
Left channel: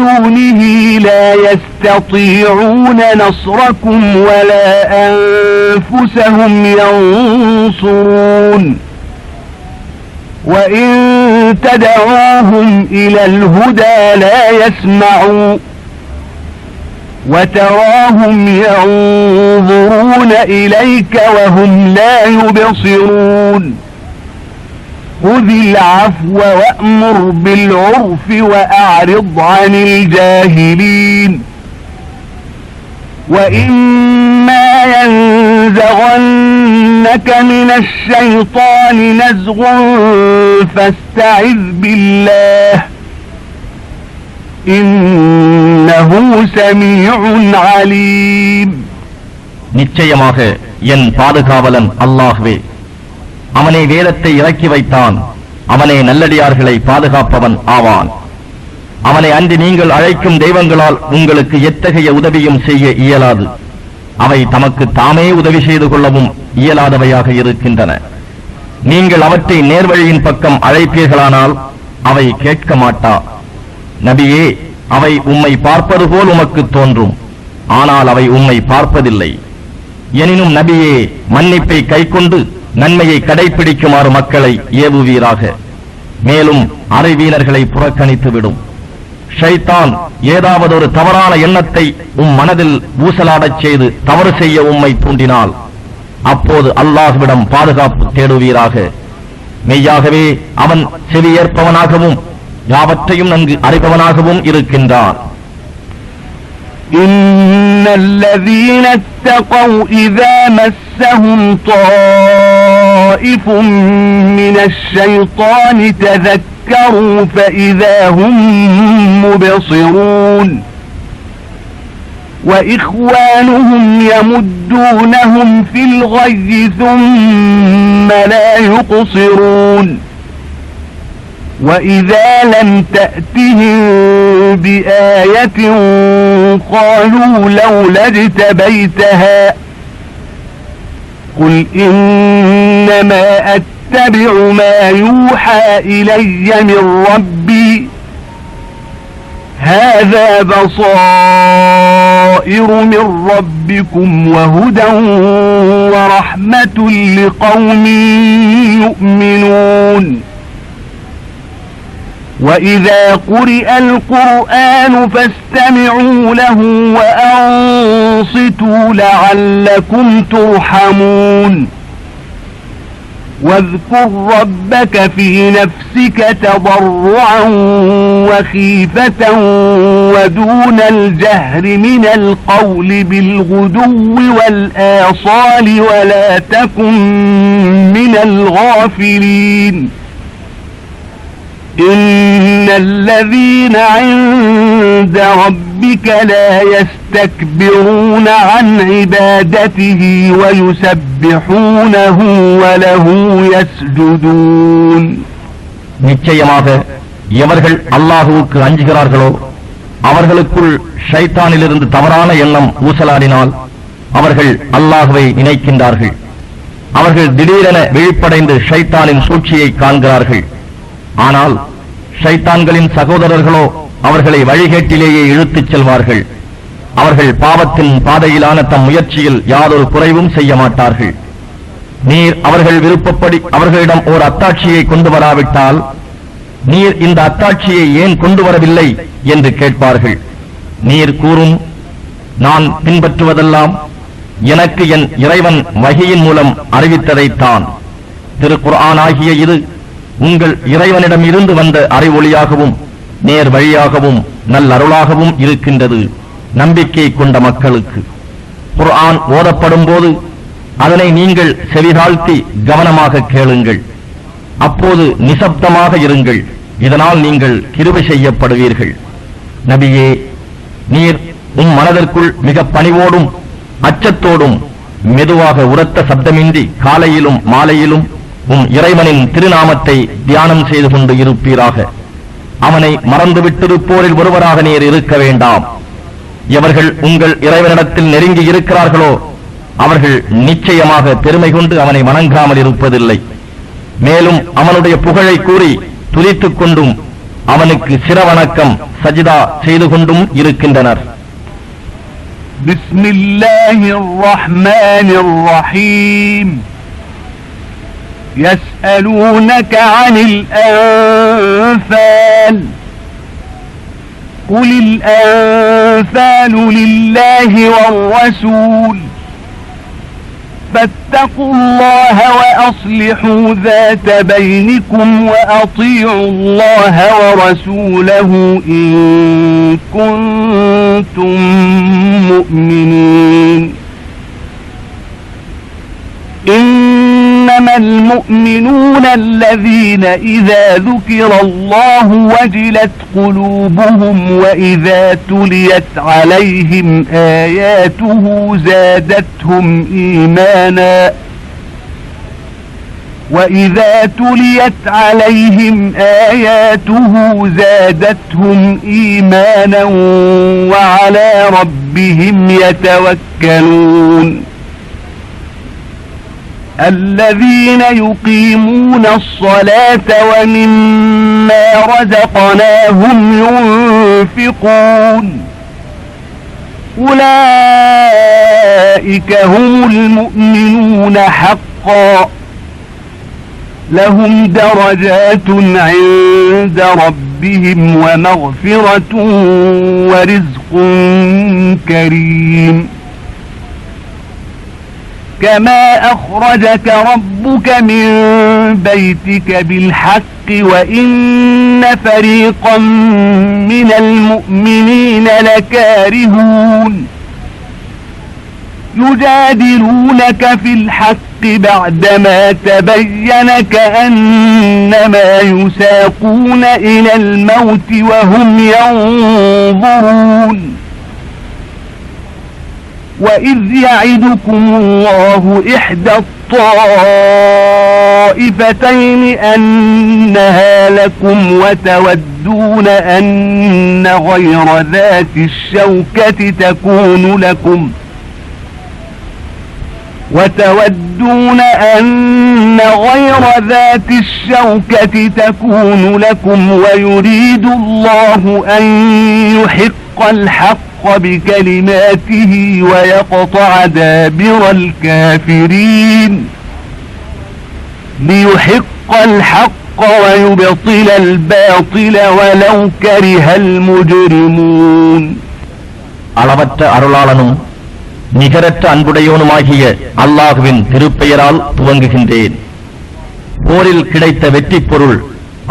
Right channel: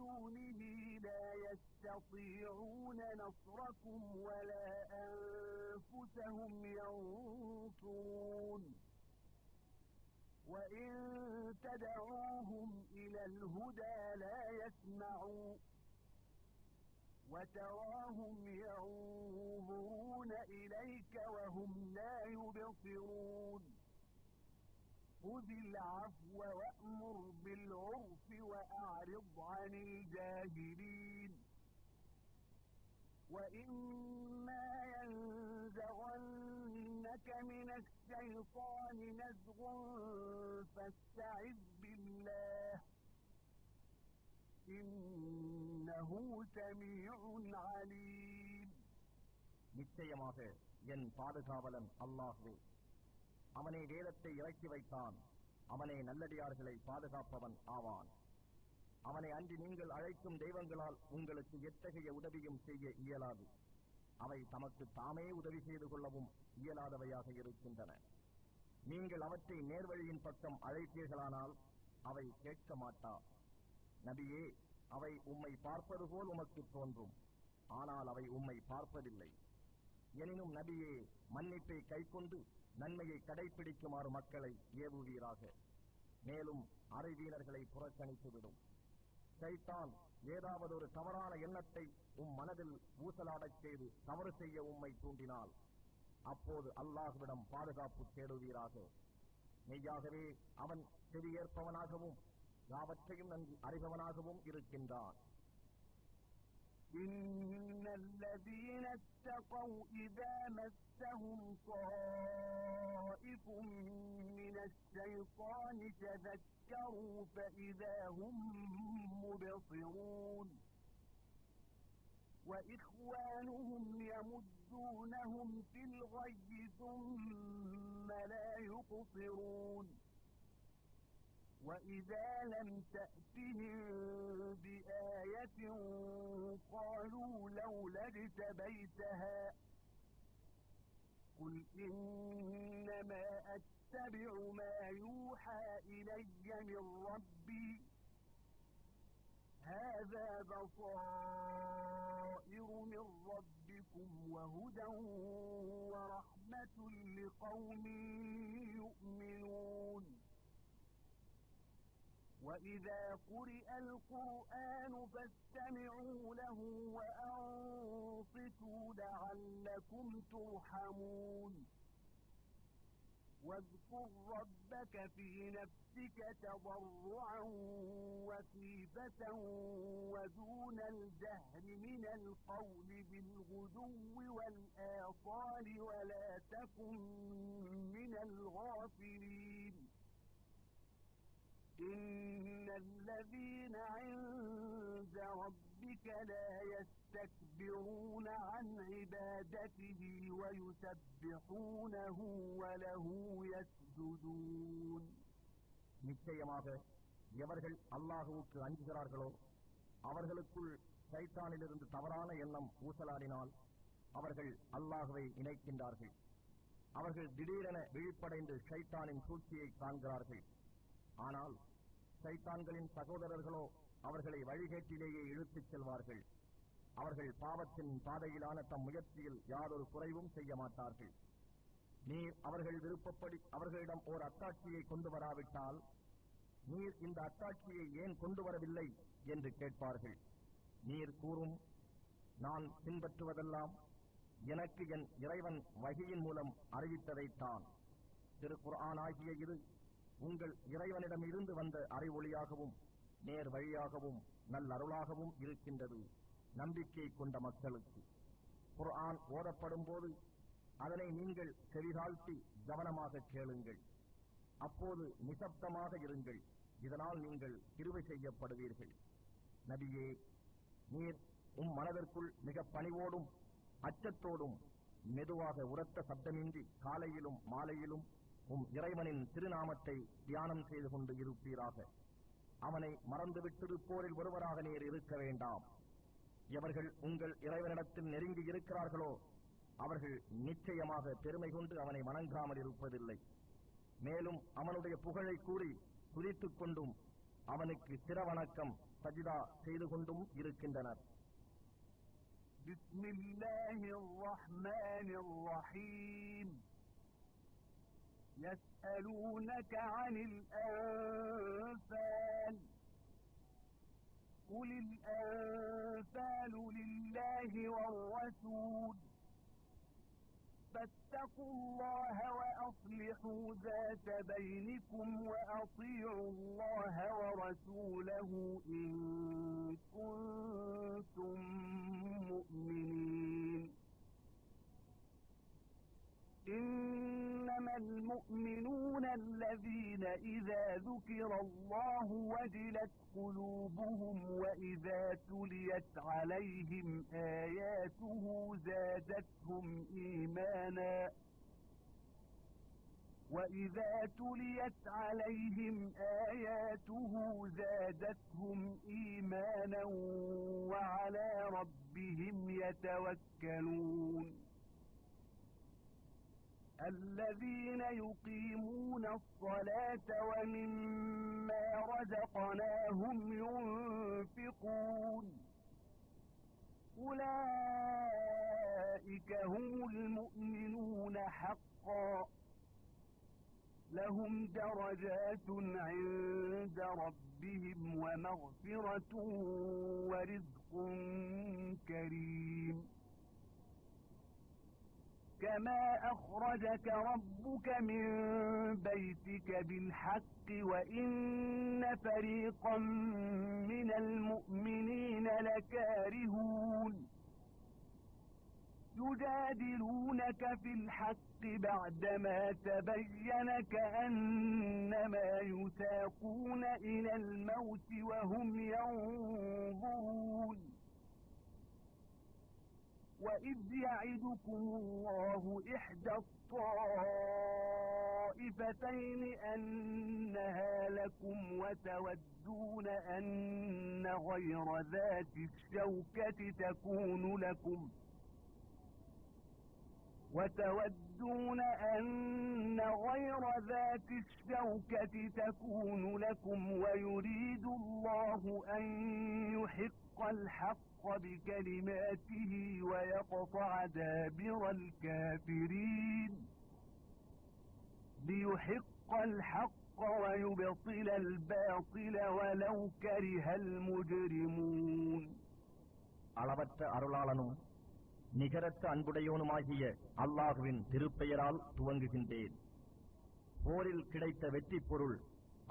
دونه لا يستطيعون نصركم ولا أنفسهم ينصرون وإن تدعوهم إلى الهدى لا يسمعوا وتراهم ينظرون إليك وهم لا يبصرون خذ العفو وأمر بالعرف وأعرض عن الجاهلين وإما ينزغنك من الشيطان نزغ فاستعذ بالله إنه سميع عليم. நிச்சயமாக என் பாதுகாவலன் அல்லாஹ்வே, அவனே வேதத்தை இறக்கி வைத்தான். அவனே நல்லடியார்களை பாதுகாப்பவன் ஆவான். அவனை அன்றி நீங்கள் அழைக்கும் தெய்வங்களால் உங்களுக்கு எத்தகைய உதவியும் செய்ய இயலாது. அவை தமக்கு தாமே உதவி செய்து கொள்ளவும் இயலாதவையாக இருக்கின்றன. நீங்கள் அவற்றை நேர்வழியின் பக்கம் அழைப்பீர்களானால் அவை கேட்க மாட்டா. நபியே, அவை உம்மை பார்ப்பது போல் உமக்கு தோன்றும், ஆனால் அவை உம்மை பார்ப்பதில்லை. எனினும் நபியே, மன்னிப்பை கைக்கொண்டு நன்மையை கடைபிடிக்குமாறு மக்களை ஏவுவீராக. மேலும் அறிவீனர்களை புறக்கணித்துவிடும். ஷைத்தான் ஏதாவது ஒரு தவறான எண்ணத்தை மனதில் ஊசலாடச் செய்து தவறு செய்ய உம்மை தூண்டினால் அப்போது அல்லாஹ்விடம் பாதுகாப்பு தேடுவீராக. மெய்யாகவே அவன் செவியேற்பவனாகவும் யாவற்றையும் நன்கு அறிபவனாகவும் இருக்கின்றான். إن الذين اتقوا إذا مسهم طائف من الشيطان تذكروا فإذا هم مبصرون وإخوانهم يمدونهم في الغي ثم لا يقصرون وإذا لم تأتهم بآية قالوا لولا اجتبيتها قل إنما أتبع ما يوحى إلي من ربي هذا بصائر من ربكم وهدى ورحمة لقوم يؤمنون وإذا قرئ القرآن فاستمعوا له وأنصتوا لعلكم ترحمون واذكر ربك في نفسك تضرعا وخيفة ودون الجهر من القول بالغدو والآصال ولا تكن من الغافلين إن الذين عند ربك لا يستكبرون عن عبادته ويسبحونه وله يسجدون. நிச்சயமாக எவர்கள் அல்லாஹுவுக்கு அஞ்சுகிறார்களோ அவர்களுக்குள் ஷைத்தானிலிருந்து தவறான எண்ணம் ஊசலாடினால் அவர்கள் அல்லாஹுவை நினைக்கின்றார்கள். அவர்கள் திடீரென விழிப்படைந்து ஷைத்தானின் சூழ்ச்சியை காண்கிறார்கள். ஆனால் ஷைத்தான்களின் சகோதரர்களோ அவர்களை வழிகேட்டிலேயே இழுத்துச் செல்வார்கள். அவர்கள் பாவத்தின் பாதையிலான தம் முயற்சியில் யாதொரு குறைவும் செய்ய மாட்டார்கள். நீர் அவர்கள் விருப்பப்படி அவர்களிடம் ஓர் அத்தாட்சியை கொண்டு வராவிட்டால் நீர் இந்த அத்தாட்சியை ஏன் கொண்டு வரவில்லை என்று கேட்பார்கள். நீர் கூறும், நான் பின்பற்றுவதெல்லாம் எனக்கு என் இறைவன் வஹியின் மூலம் அறிவித்ததைத்தான். திருக்குர்ஆன் ஆகிய இது உங்கள் இறைவனிடம் இருந்து வந்த அறிவொளியாகவும் நேர் வழியாகவும் நல்லருளாகவும் இருக்கின்றது நம்பிக்கை கொண்ட மக்களுக்கு. குர்ஆன் ஓதப்படும் போது அதனை நீங்கள் செவிதாழ்த்தி கவனமாக கேளுங்கள். அப்போது நிசப்தமாக இருங்கள். இதனால் நீங்கள் கிருபை செய்யப்படுவீர்கள். நபியே, நீர் மனதிற்குள் மிக பணிவோடும் அச்சத்தோடும் மெதுவாக உரத்த சப்தமின்றி காலையிலும் மாலையிலும் இறைவனின் திருநாமத்தை தியானம் செய்து கொண்டு இருப்பீராக. அவனை மறந்துவிட்டிருப்போரில் ஒருவராக நீர் இருக்க வேண்டாம். எவர்கள் உங்கள் இறைவனிடத்தில் நெருங்கி இருக்கிறார்களோ அவர்கள் நிச்சயமாக பெருமை கொண்டு அவனை வணங்காமல் இருப்பதில்லை. மேலும் அவனுடைய புகழை கூறி துதித்துக் கொண்டும் அவனுக்கு சிரவணக்கம் சஜிதா செய்து கொண்டும் இருக்கின்றனர். பிஸ்மில்லாஹிர் ரஹ்மானிர் ரஹீம். يسألونك عن الأنفال قل الأنفال لله والرسول فاتقوا الله وأصلحوا ذات بينكم وأطيعوا الله ورسوله إن كنتم مؤمنين. إنما المؤمنون الذين إذا ذكر الله وجلت قلوبهم وإذا تليت عليهم آياته زادتهم إيمانا وإذا تليت عليهم آياته زادتهم إيمانا وعلى ربهم يتوكلون. الذين يقيمون الصلاة ومما رزقناهم ينفقون أولئك هم المؤمنون حقا لهم درجات عند ربهم ومغفرة ورزق كريم. كما أخرجك ربك من بيتك بالحق وإن فريقا من المؤمنين لكارهون يجادلونك في الحق بعدما تبين كأنما يساقون إلى الموت وهم ينظرون. وإذ يعدكم الله إحدى الطائفتين أنها لكم وتودون أن غير ذات الشوكة تكون لكم وتودون أن غير ذات الشوكة تكون لكم ويريد الله أن يحق الحق بكلماته ويقطع دابر الكافرين ليحق الحق ويبطل الباطل ولو كره المجرمون. அளவற்ற அருளாளனும் நிகரற்ற அன்புடையோனுமாகிய அல்லாஹுவின் திருப்பெயரால் துவங்குகின்றேன். போரில் கிடைத்த வெற்றி பொருள்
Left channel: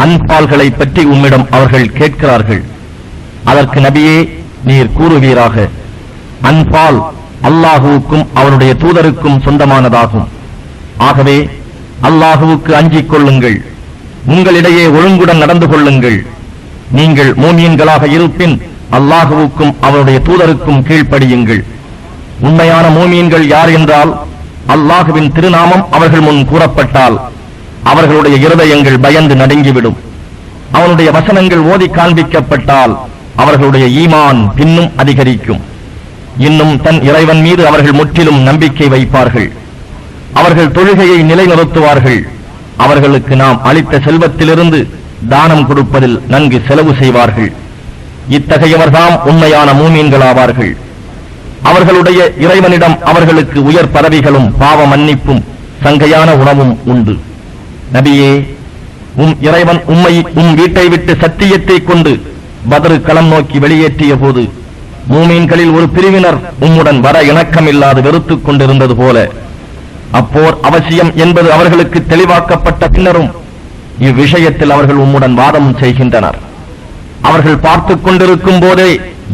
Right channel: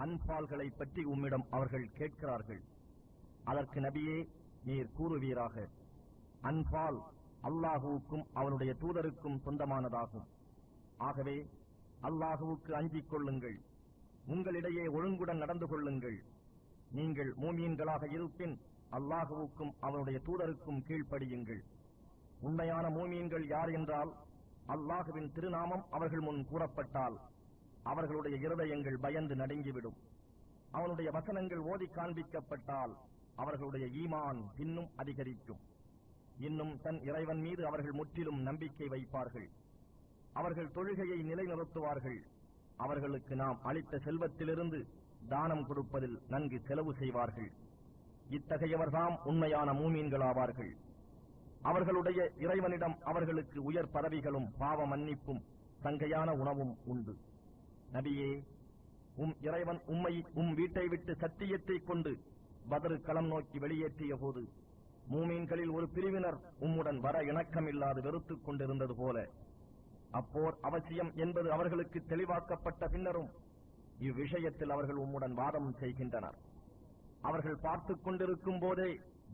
அன்பால்களை பற்றி உம்மிடம் அவர்கள் கேட்கிறார்கள். அதற்கு நபியே, நீர் கூறுவீராக, அன்பால் அல்லாஹுவுக்கும் அவனுடைய தூதருக்கும் சொந்தமானதாகும். ஆகவே அல்லாஹுவுக்கு அஞ்சிக் கொள்ளுங்கள், உங்களிடையே ஒழுங்குடன் நடந்து கொள்ளுங்கள். நீங்கள் மூமியன்களாக இருப்பின் அல்லாஹுவுக்கும் அவனுடைய தூதருக்கும் கீழ்ப்படியுங்கள். உண்மையான மூமியன்கள் யார் என்றால், அல்லாஹுவின் திருநாமம் அவர்கள் முன் கூறப்பட்டால் அவர்களுடைய இருதயங்கள் பயந்து நடுங்கிவிடும். அவனுடைய வசனங்கள் ஓதி காண்பிக்கப்பட்டால் அவர்களுடைய ஈமான் பின்னும் அதிகரிக்கும். இன்னும் தன் இறைவன் மீது அவர்கள் முற்றிலும் நம்பிக்கை வைப்பார்கள். அவர்கள் தொழுகையை நிலைநிறுத்துவார்கள். அவர்களுக்கு நாம் அளித்த செல்வத்திலிருந்து தானம் கொடுப்பதில் நன்கு செலவு செய்வார்கள். இத்தகையவர்தாம் உண்மையான மூமீன்களாவார்கள். அவர்களுடைய இறைவனிடம் அவர்களுக்கு உயர் பதவிகளும் பாவ மன்னிப்பும் சங்கையான உணவும் உண்டு. நபியே, உம் இறைவன் உம்மை உம் வீட்டை விட்டு சத்தியத்தை கொண்டு பத்ரு களம் நோக்கி வெளியேற்றிய போது மூமீன்களில் ஒரு பிரிவினர் உம்முடன் வர இணக்கமில்லாது வெறுத்துக் கொண்டிருந்தது போல அப்போர் அவசியம் என்பது அவர்களுக்கு தெளிவாக்கப்பட்ட பின்னரும் இவ்விஷயத்தில் அவர்கள் உம்முடன் வாதம் செய்கின்றனர். அவர்கள் பார்த்துக் கொண்டிருக்கும் போதே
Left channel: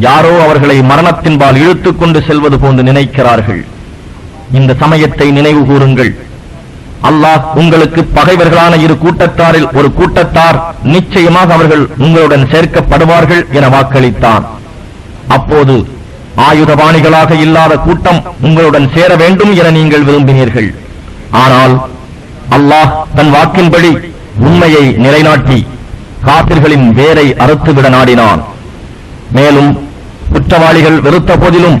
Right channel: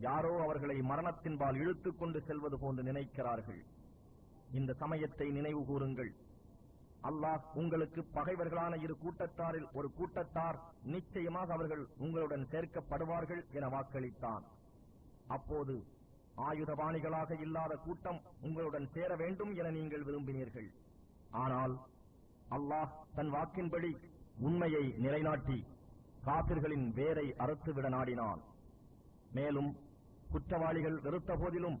யாரோ அவர்களை மரணத்தின்பால் இழுத்துக் கொண்டு செல்வது போன்று நினைக்கிறார்கள். இந்த சமயத்தை நினைவு கூறுங்கள். அல்லாஹ் உங்களுக்கு பகைவர்களான இரு கூட்டத்தாரில் ஒரு கூட்டத்தார் நிச்சயமாக அவர்கள் உங்களுடன் சேர்க்கப்படுவார்கள் என வாக்களித்தான். அப்போது ஆயுதபாணிகளாக இல்லாத கூட்டம் உங்களுடன் சேர வேண்டும் என நீங்கள் விரும்பினீர்கள். ஆனால் அல்லாஹ் தன் வாக்கின்படி உண்மையை நிலைநாட்டி காபிர்களின் வேரை அறுத்துவிட நாடினான். மேலும் குற்றவாளிகள் வெறுத்த போதிலும்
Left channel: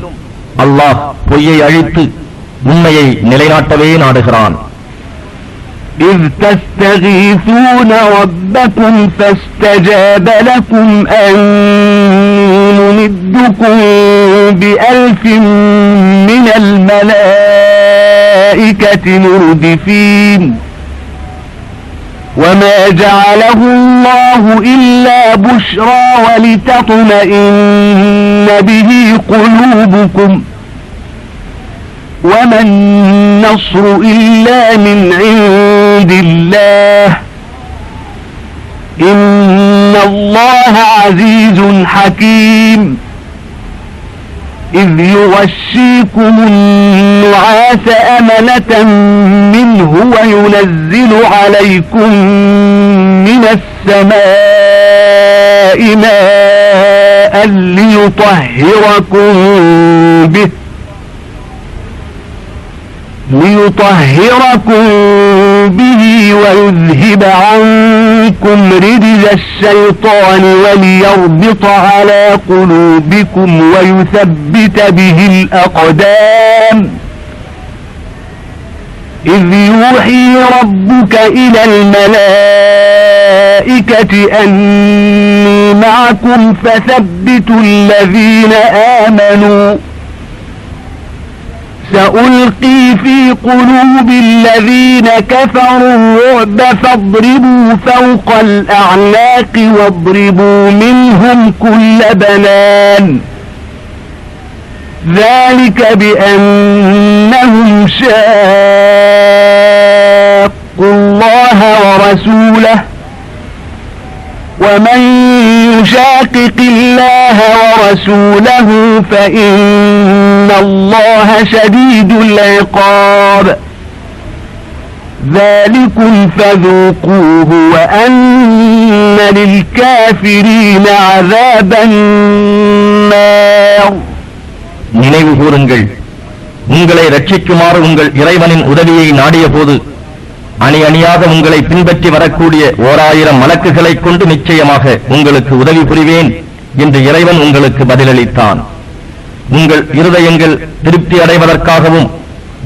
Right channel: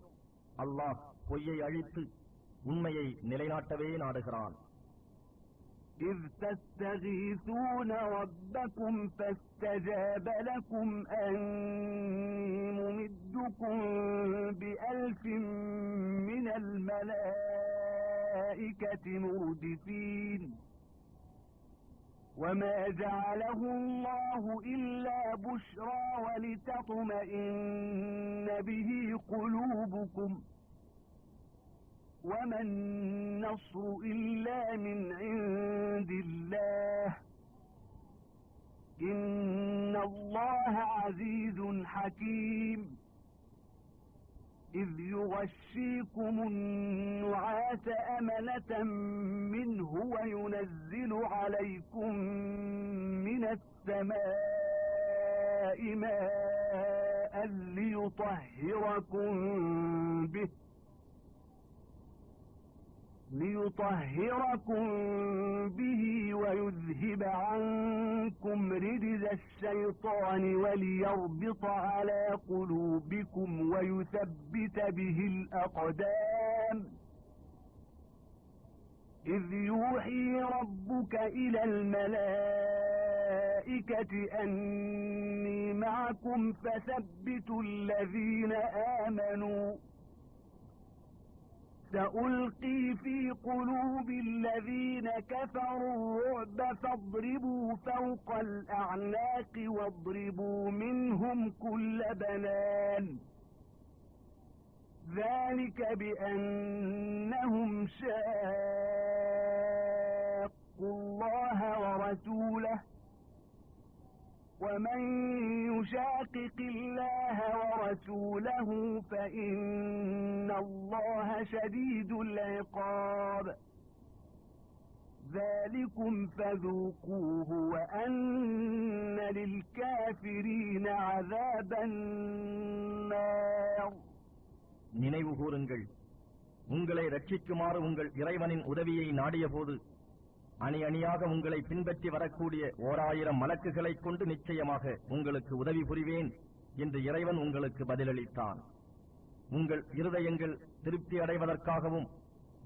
அல்லாஹ் பொய்யை அழித்து உண்மையை நிலைநாட்டவே நாடுகிறான். إذ تستغيثون ربكم فاستجاب لكم أني ممدكم بألف من الملائكة مردفين وما جعله الله إلا بشرى ولتطمئن به قلوبكم وما النصر إلا من عند الله إن الله عزيز حكيم إذ يغشيكم النعاس أمنة منه وينزل عليكم من السماء ماء ليطهركم به ويذهب عنكم رجز الشيطان وليربط على قلوبكم ويثبت به الأقدام إذ يوحي ربك إلى الملائكة أني معكم فثبتوا الذين آمنوا سألقي في قلوب الذين كفروا الرعب فاضربوا فوق الأعناق واضربوا منهم كل بنان ذلك بأنهم شاقوا الله ورسوله ومن يشاقق الله ورسوله فإن الله شديد العقاب ذلكم فذوقوه وأن للكافرين عذاب النار. நினைவு கூறுங்கள், உங்களை ரட்சிக்குமாறு உங்கள் இறைவனின் உதவியை நாடிய போது அணி அணியாக உங்களை பின்பற்றி வரக்கூடிய 1000 மலக்குகளைக் கொண்டு நிச்சயமாக உங்களுக்கு உதவி புரிவேன் என்று இறைவன் உங்களுக்கு பதிலளித்தான். உங்கள் இருதயங்கள் திருப்தி அடைவதற்காகவும்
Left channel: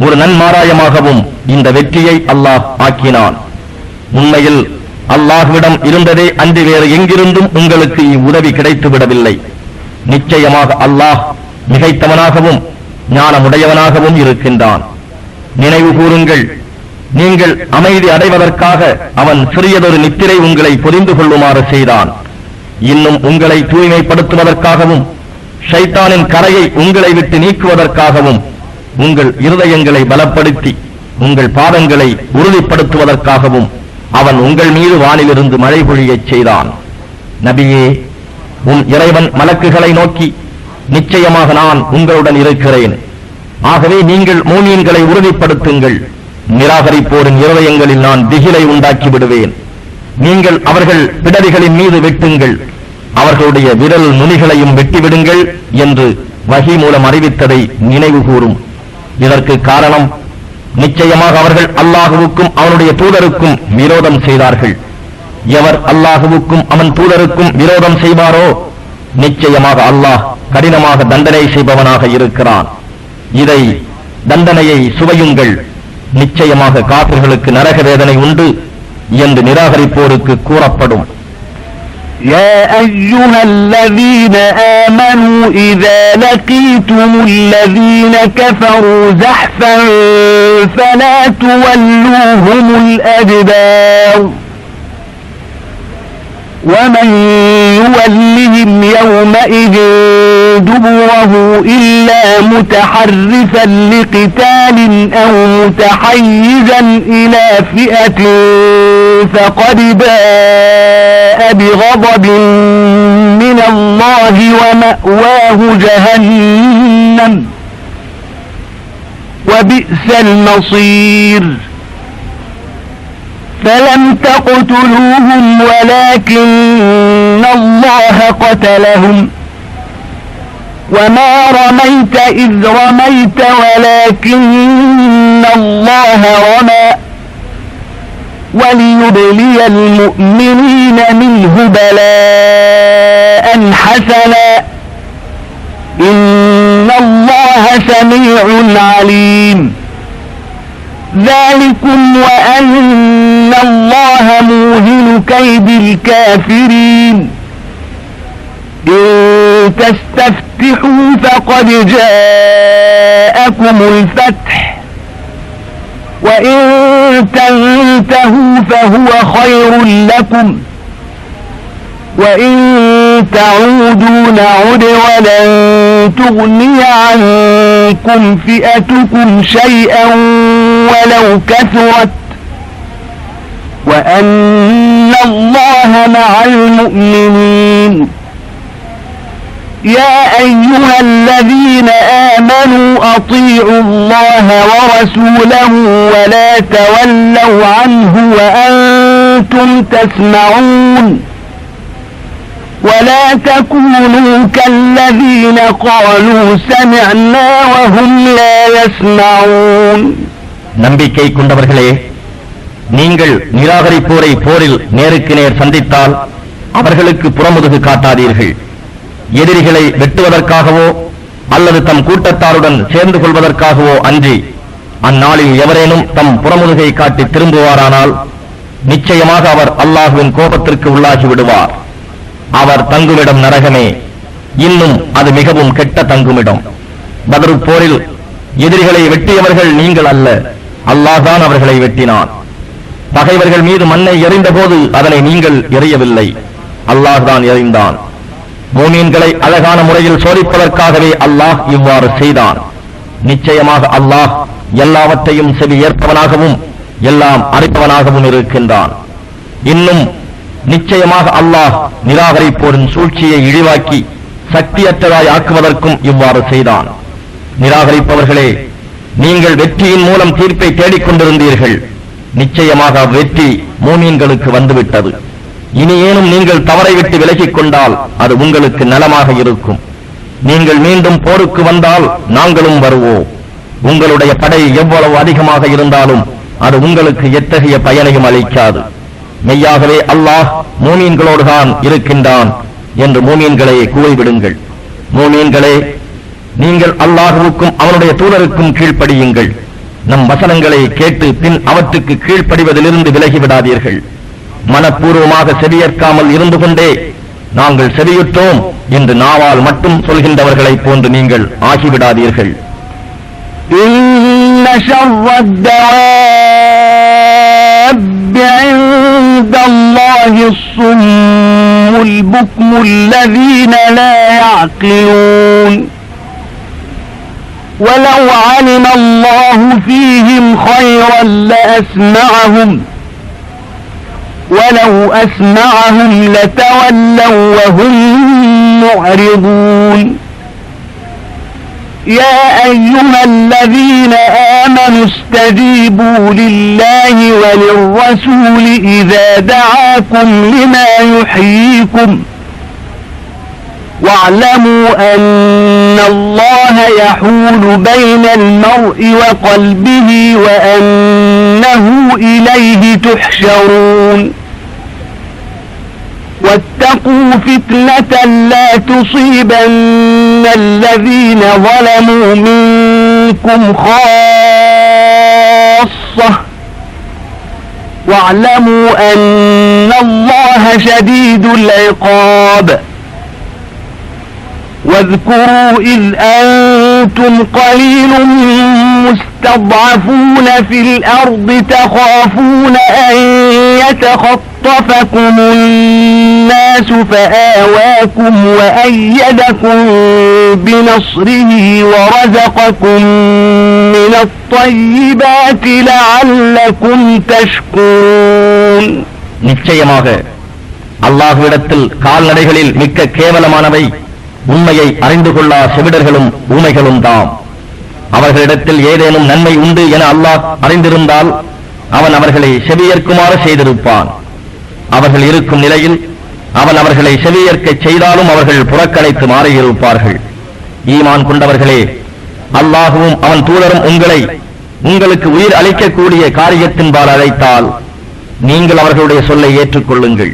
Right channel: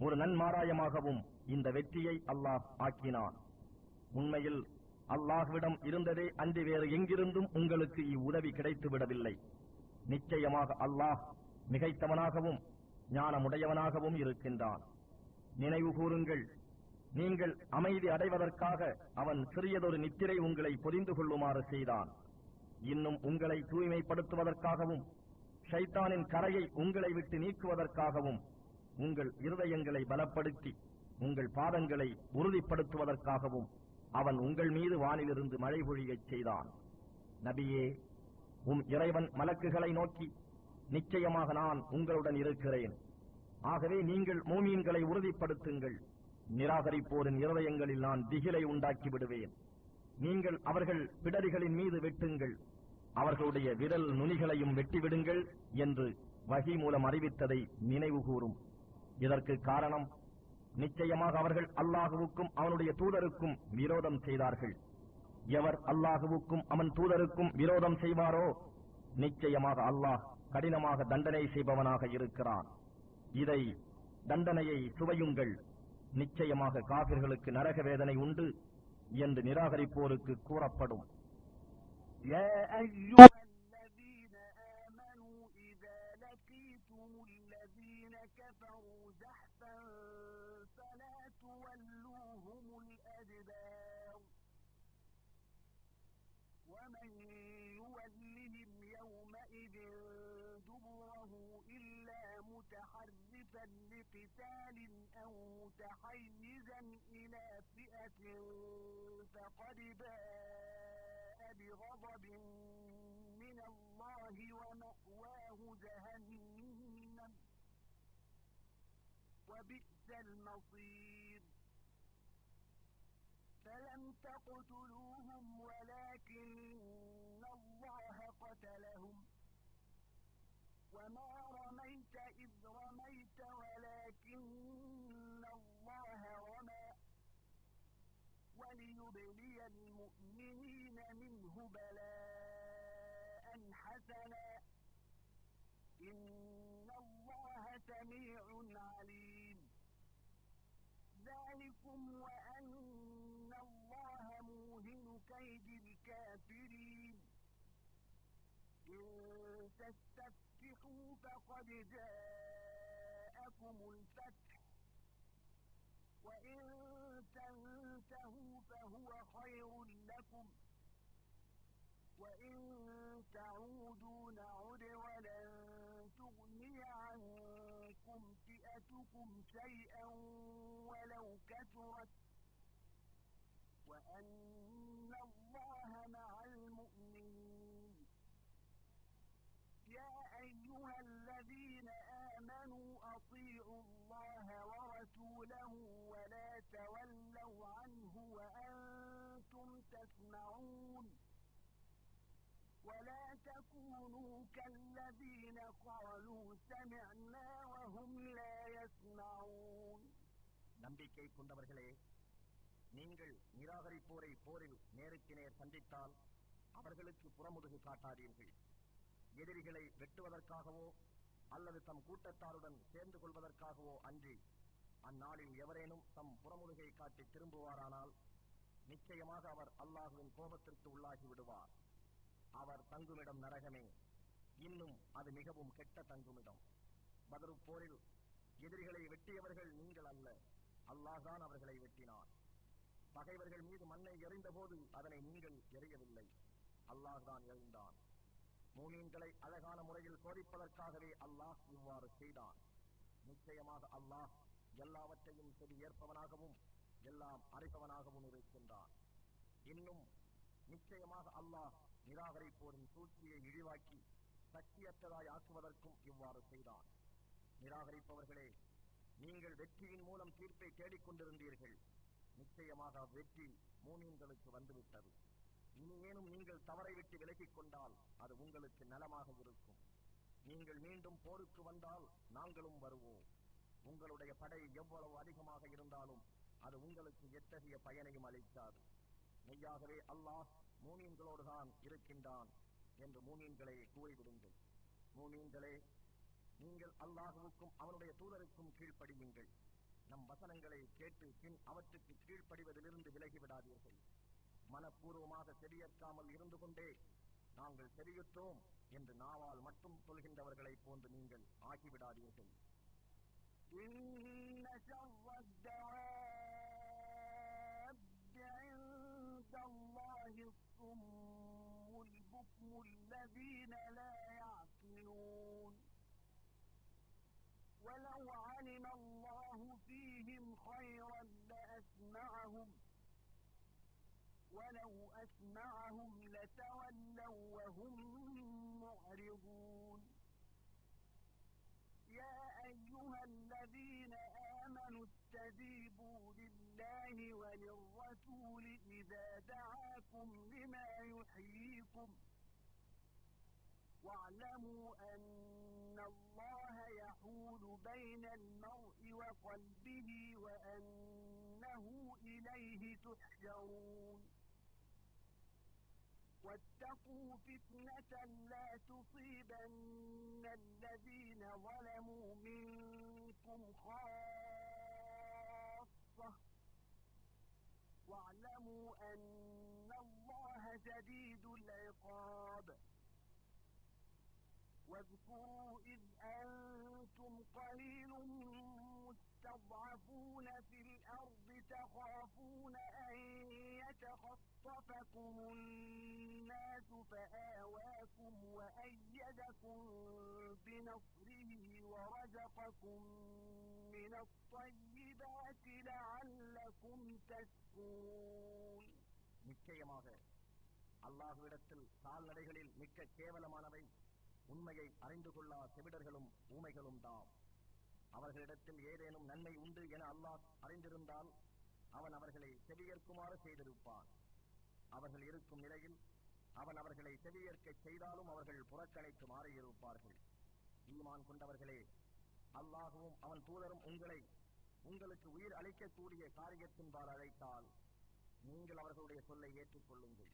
ஒரு நன்மாராயமாகவும் இந்த வெற்றியை அல்லாஹ் ஆக்கினான். உண்மையில் அல்லாஹ்விடம் இருந்ததே அன்றி வேறு எங்கிருந்தும் உங்களுக்கு இவ்வுதவி கிடைத்து விடவில்லை. நிச்சயமாக அல்லாஹ் மிகைத்தவனாகவும் ஞானமுடையவனாகவும் இருக்கின்றான். நினைவு கூறுங்கள், நீங்கள் அமைதி அடைவதற்காக அவன் சிறியதொரு நித்திரை உங்களை பொதிந்து கொள்ளுமாறு செய்தான். இன்னும் உங்களை தூய்மைப்படுத்துவதற்காகவும் ஷைத்தானின் கரையை உங்களை விட்டு நீக்குவதற்காகவும் உங்கள் இருதயங்களை பலப்படுத்தி உங்கள் பாதங்களை உறுதிப்படுத்துவதற்காகவும் அவன் உங்கள் மீது வானிலிருந்து மழை பொழியச் செய்தான். நபியே, உன் இறைவன் மலக்குகளை நோக்கி, நிச்சயமாக நான் உங்களுடன் இருக்கிறேன், ஆகவே நீங்கள் மூமீன்களை உறுதிப்படுத்துங்கள், நிராகரிப்போரின் இருதயங்களில் நான் திகிலை உண்டாக்கி விடுவேன். நீங்கள் அவர்கள் பிடரிகளின் மீது வெட்டுங்கள், அவர்களுடைய விரல் நுனிகளையும் வெட்டிவிடுங்கள் என்று வஹி மூலம் அறிவித்ததை நினைவு கூறும். இதற்கு காரணம், நிச்சயமாக அவர்கள் அல்லாஹுவுக்கும் அவனுடைய தூதருக்கும் விரோதம் செய்தார்கள். எவர் அல்லாஹுவுக்கும் அவன் தூதருக்கும் விரோதம் செய்வாரோ நிச்சயமாக அல்லாஹ் கடினமாக தண்டனை செய்பவனாக இருக்கிறான். இதை தண்டனையை சுவையுங்கள், நிச்சயமாக காபிர்களுக்கு நரக வேதனை உண்டு என்று நிராகரிப்போருக்கு கூறப்படும். يا أيها الذين آمنوا إذا لقيتم الذين كفروا زحفا فلا تولوهم الأدبار ومن يولهم يومئذ دبره إلا متحرفا لقتال أو متحيزا إلى فئة فقد باء بغضب من الله ومأواه جهنم وبئس المصير فلم تقتلوهم ولكن الله قتلهم وما رميت إذ رميت ولكن الله رمى وليبلي المؤمنين منه بلاء حسنا إن الله سميع عليم ذلكم وأن الله موهن كيد الكافرين إن تستفتحوا فقد جاءكم الفتح وإن تنتهوا فهو خير لكم وإن تعودوا نعد ولن تغني عنكم فئتكم شيئا ولو كثرت وأن الله مع المؤمنين يا أيها الذين آمنوا أطيعوا الله ورسوله ولا تولوا عنه وأنتم تسمعون ولا تكونوا كالذين قالوا سمعنا وهم لا يسمعون. நம்பிக்கை கொண்டவர்களே, நீங்கள் நிராகரிப்போரை போரில் நேருக்கு நேர் சந்தித்தால் அவர்களுக்கு புறமுதுகு காட்டாதீர்கள். எதிரிகளை வெட்டுவதற்காகவோ அல்லது தம் கூட்டத்தாருடன் சேர்ந்து கொள்வதற்காகவோ அன்றி, அந்நாளில் எவரேனும் தம் புறமுதுகை காட்டி திரும்புவாரானால் நிச்சயமாக அவர் அல்லாஹுவின் கோபத்திற்கு உள்ளாகி விடுவார். அவர் தங்குமிடம் நரகமே, இன்னும் அது மிகவும் கெட்ட தங்குமிடம். பத்ரு போரில் எதிரிகளை வெட்டியவர்கள் நீங்கள் அல்ல, அல்லாஹ்தான் அவர்களை வெட்டினான். பகைவர்கள் மீது மண்ணை எறிந்தபோது அதனை நீங்கள் எறியவில்லை, அல்லாஹ்தான் எறிந்தான். மூமீன்களை அழகான முறையில் சோதிப்பதற்காகவே அல்லாஹ் இவ்வாறு செய்தான். நிச்சயமாக அல்லாஹ் எல்லாவற்றையும் செவி ஏற்பவனாகவும் எல்லாம் அறிப்பவனாகவும் இருக்கின்றான். இன்னும் நிச்சயமாக அல்லாஹ் நிராகரிப்போரின் சூழ்ச்சியை இழிவாக்கி சக்தியற்றதாய் ஆக்குவதற்கும் இவ்வாறு செய்தான். நிராகரிப்பவர்களே, நீங்கள் வெற்றியின் மூலம் தீர்ப்பை தேடிக்கொண்டிருந்தீர்கள். நிச்சயமாக வெற்றி மூமீன்களுக்கு வந்துவிட்டது. இனியேனும் நீங்கள் தவறை விட்டு விலகிக் கொண்டால் அது உங்களுக்கு நலமாக இருக்கும். நீங்கள் மீண்டும் போருக்கு வந்தால் நாங்களும் வருவோம். உங்களுடைய படை எவ்வளவு அதிகமாக இருந்தாலும் அது உங்களுக்கு எத்தகைய பயனையும் அளிக்காது. மெய்யாகவே அல்லாஹ் மூமீன்களோடுதான் இருக்கின்றான் என்று மூமீன்களை கூறிவிடுங்கள். மூமீன்களே, நீங்கள் அல்லாஹுவுக்கும் அவனுடைய தூதருக்கும் கீழ்ப்படியுங்கள். நம் வசனங்களை கேட்டு பின் அவற்றுக்கு கீழ்ப்படிவதிலிருந்து விலகிவிடாதீர்கள். மனப்பூர்வமாக செவியேற்காமல் இருந்து கொண்டே நாங்கள் செவியுற்றோம் என்று நாவால் மட்டும் சொல்கின்றவர்களைப் போன்று நீங்கள் ஆகிவிடாதீர்கள். إن شر الدواب عند الله الصم البكم الذين لا يعقلون ولو علم الله فيهم خيرا لأسمعهم ولو أسمعهم لتولوا وهم معرضون يا أيها الذين آمنوا استجيبوا لله وللرسول إذا دعاكم لما يحييكم واعلموا أن الله يحول بين المرء وقلبه وأنه إليه تحشرون واتقوا فتنة لا تصيبن الذين ظلموا منكم خاصة واعلموا أن الله شديد العقاب واذكروا إذ أنتم قليل مستضعفون في الأرض تخافون أن يتخطفكم الناس فآواكم وأيدكم بنصره ورزقكم من الطيبات لعلكم تشكرون. நிச்சயமாக அல்லாஹ்விடத்தில் கால்நடைகளில் மிக்க கேவலமானவை உண்மையை அறிந்து கொள்ளா செவிடர்களும் ஊமைகளும் தாம். அவர்களிடத்தில் ஏதேனும் நன்மை உண்டு என அல்லாஹ் அறிந்திருந்தால் அவன் அவர்களை செவியேற்குமாறு செய்திருப்பான். அவர்கள் இருக்கும் நிலையில் அவன் அவர்களை செவியேற்கச் செய்தாலும் அவர்கள் புறக்கணித்து மாறியிருப்பார்கள். ஈமான் கொண்டவர்களே, அல்லாஹுவும் அவன் தூதரும் உங்களுக்கு உயிர் அளிக்கக்கூடிய காரியத்தின்பால் அழைத்தால் நீங்கள் அவர்களுடைய சொல்லை ஏற்றுக்கொள்ளுங்கள்.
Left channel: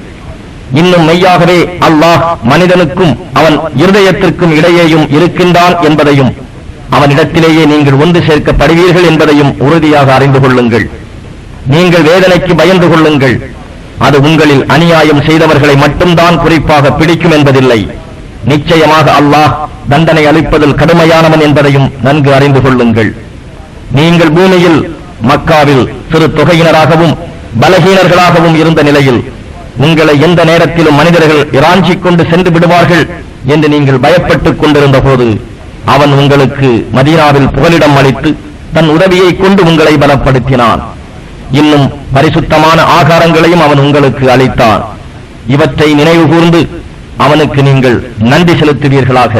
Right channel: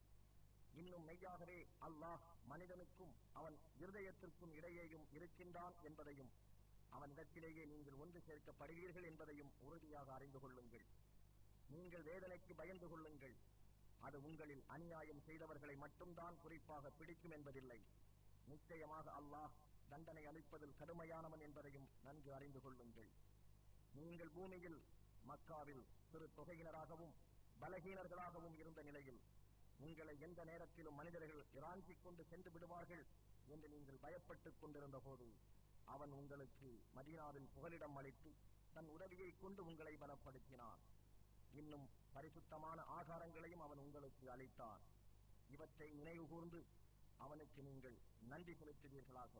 இன்னும் மெய்யாகவே அல்லாஹ் மனிதனுக்கும் அவன் இருதயத்திற்கும் இடையேயும் இருக்கின்றான் என்பதையும் அவனிடத்திலேயே நீங்கள் ஒன்று சேர்க்கப்படுவீர்கள் என்பதையும் உறுதியாக அறிந்து கொள்ளுங்கள். நீங்கள் வேதனைக்கு பயந்து கொள்ளுங்கள். அது உங்களில் அநியாயம் செய்தவர்களை மட்டும்தான் குறிப்பாக பிடிக்கும் என்பதில்லை. நிச்சயமாக அல்லாஹ் தண்டனை அளிப்பதில் கடுமையானவன் என்பதையும் நன்கு அறிந்து கொள்ளுங்கள். நீங்கள் பூமியில் மக்காவில் சிறு தொகையினராகவும் பலகீனர்களாகவும் இருந்த நிலையில் உங்களை எந்த நேரத்திலும் மனிதர்கள் இராஞ்சிக் கொண்டு சென்று விடுவார்கள் என்று நீங்கள் பயப்பட்டுக் கொண்டிருந்த போது அவன் உங்களுக்கு மதீனாவில் புகலிடம் அளித்து தன் உதவியை கொண்டு உங்களை பலப்படுத்தினான். இன்னும் பரிசுத்தமான ஆகாரங்களையும் அவன் உங்களுக்கு அளித்தான். இவற்றை நினைவு கூர்ந்து அவனுக்கு நீங்கள் நன்றி செலுத்துவீர்களாக.